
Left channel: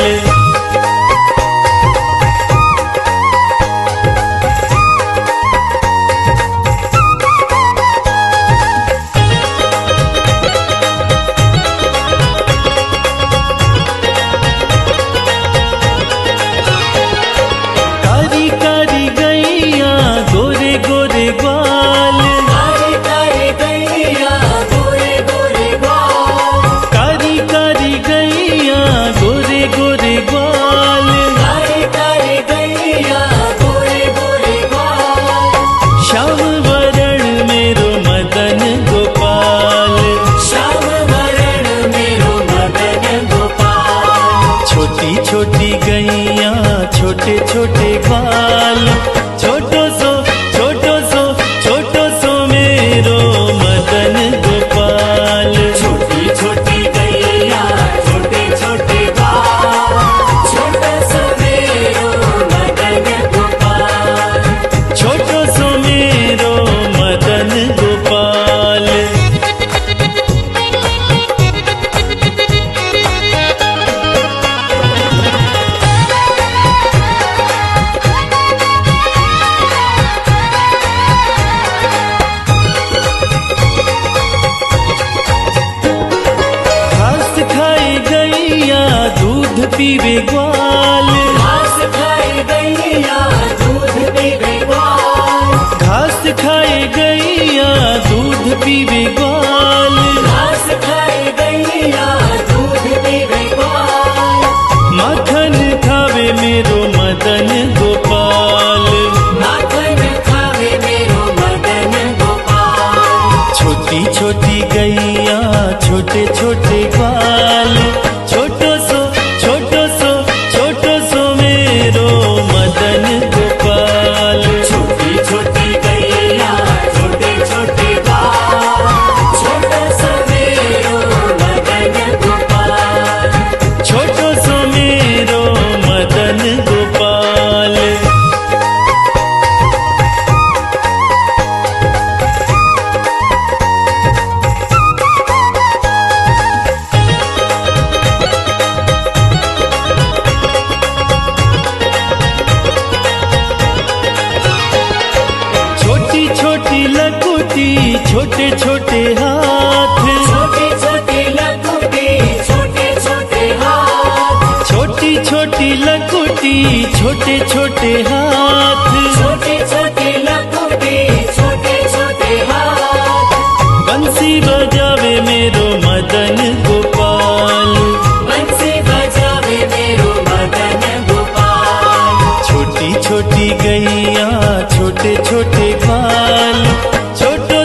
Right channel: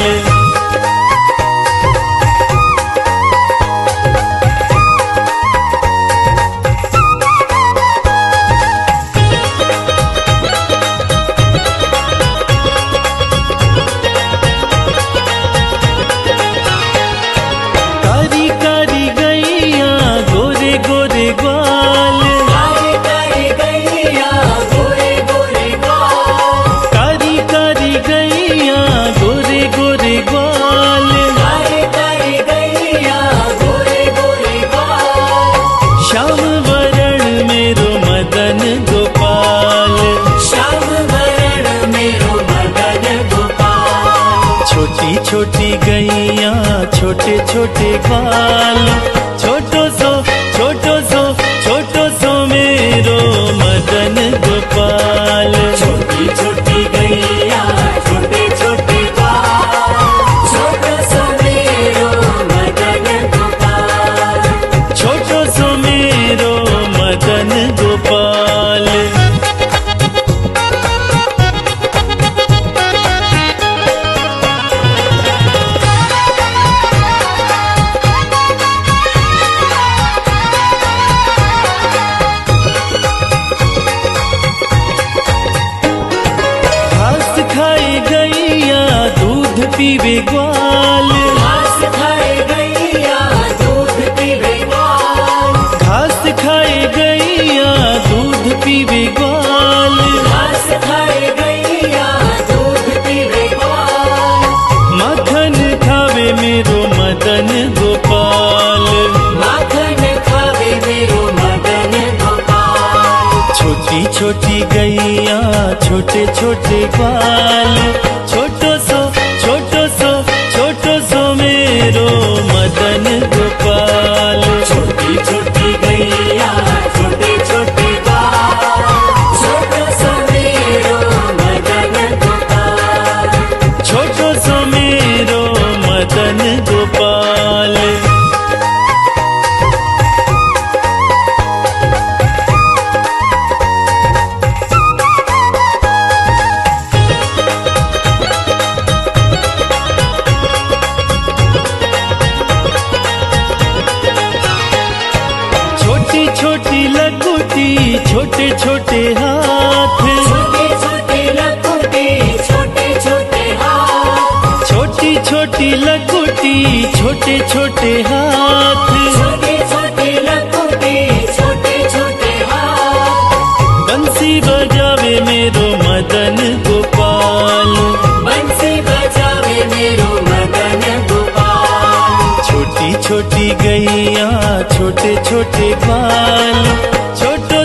कारी कारी गैया गोरे गोरे ग्वाल, कारी कारी गैया गोरे गोरे ग्वाल, कारी कारी गैया गोरे गोरे ग्वाल, कारी कारी गैया गोरे गोरे ग्वाल, श्याम वरण मेरो मदन गोपाल, श्याम वरण मेरो मदन गोपाल, छोटी छोटी गैया छोटे छोटे ग्वाल, छोटो सो मेरो मदन गोपाल, छोटी छोटी गैया छोटे छोटे ग्वाल, छोटा सा मेरो मदन गोपाल, छोटो सो मेरो मदन गोपाल। घास खाए गैया दूध पीवे ग्वाल, घास खाए गैया दूध पीवे ग्वाल, घास खाए गैया दूध पीवे ग्वाल, घास खाए गैया दूध पीवे ग्वाल, माखन खावे मेरो मदन गोपाल, माखन खावे मेरो मदन गोपाल, छोटी छोटी गैया छोटे छोटे ग्वाल, छोटो सो मेरो मदन गोपाल, छोटी छोटी गैया छोटे छोटे ग्वाल, छोटा सा मेरो मदन गोपाल, छोटो सो मेरो मदन गोपाल। छोटी छोटी लकुटी छोटे छोटे हाथ, छोटी छोटी लकुटी छोटे छोटे हाथ, छोटी छोटी लकुटी छोटे छोटे हाथ, छोटी छोटी लकुटी छोटे छोटे हाथ, बंसी बजावे मेरो मदन गोपाल, बंसी बजावे मेरो मदन गोपाल, छोटी छोटी गैया छोटे छोटे ग्वाल, छोटो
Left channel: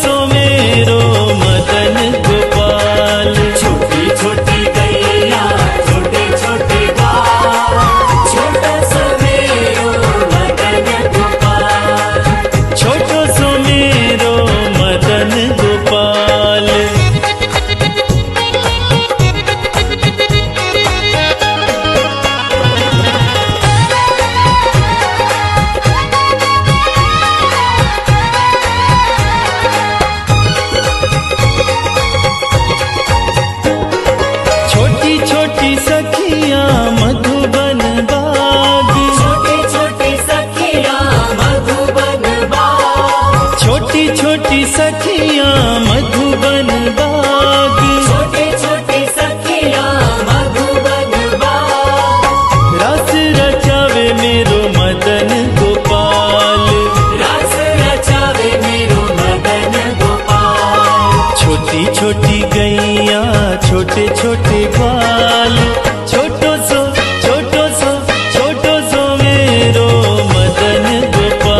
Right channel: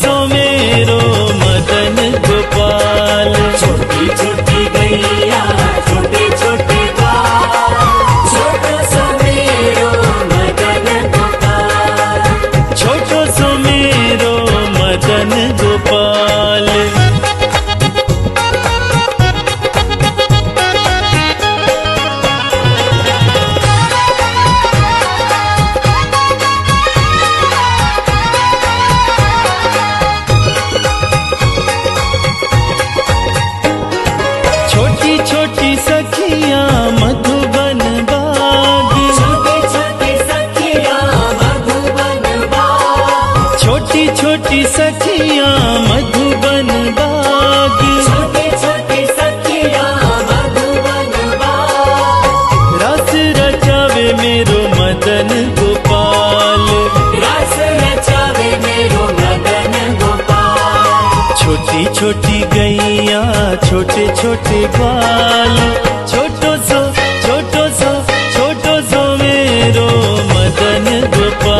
सो मेरो मदन गोपाल, छोटी छोटी गैया छोटे छोटे ग्वाल, छोटा सा मेरो छोटी सखियां मधुबन बाग, छोटी छोटी सखियां मधुबन बाग, छोटी छोटी सखियां मधुबन बाग, छोटी छोटी सखियां मधुबन बाग। रास रचावे मेरो मदन गोपाल, रास रचावे मेरो मदन गोपाल। छोटी छोटी गैया छोटे छोटे ग्वाल, छोटो सो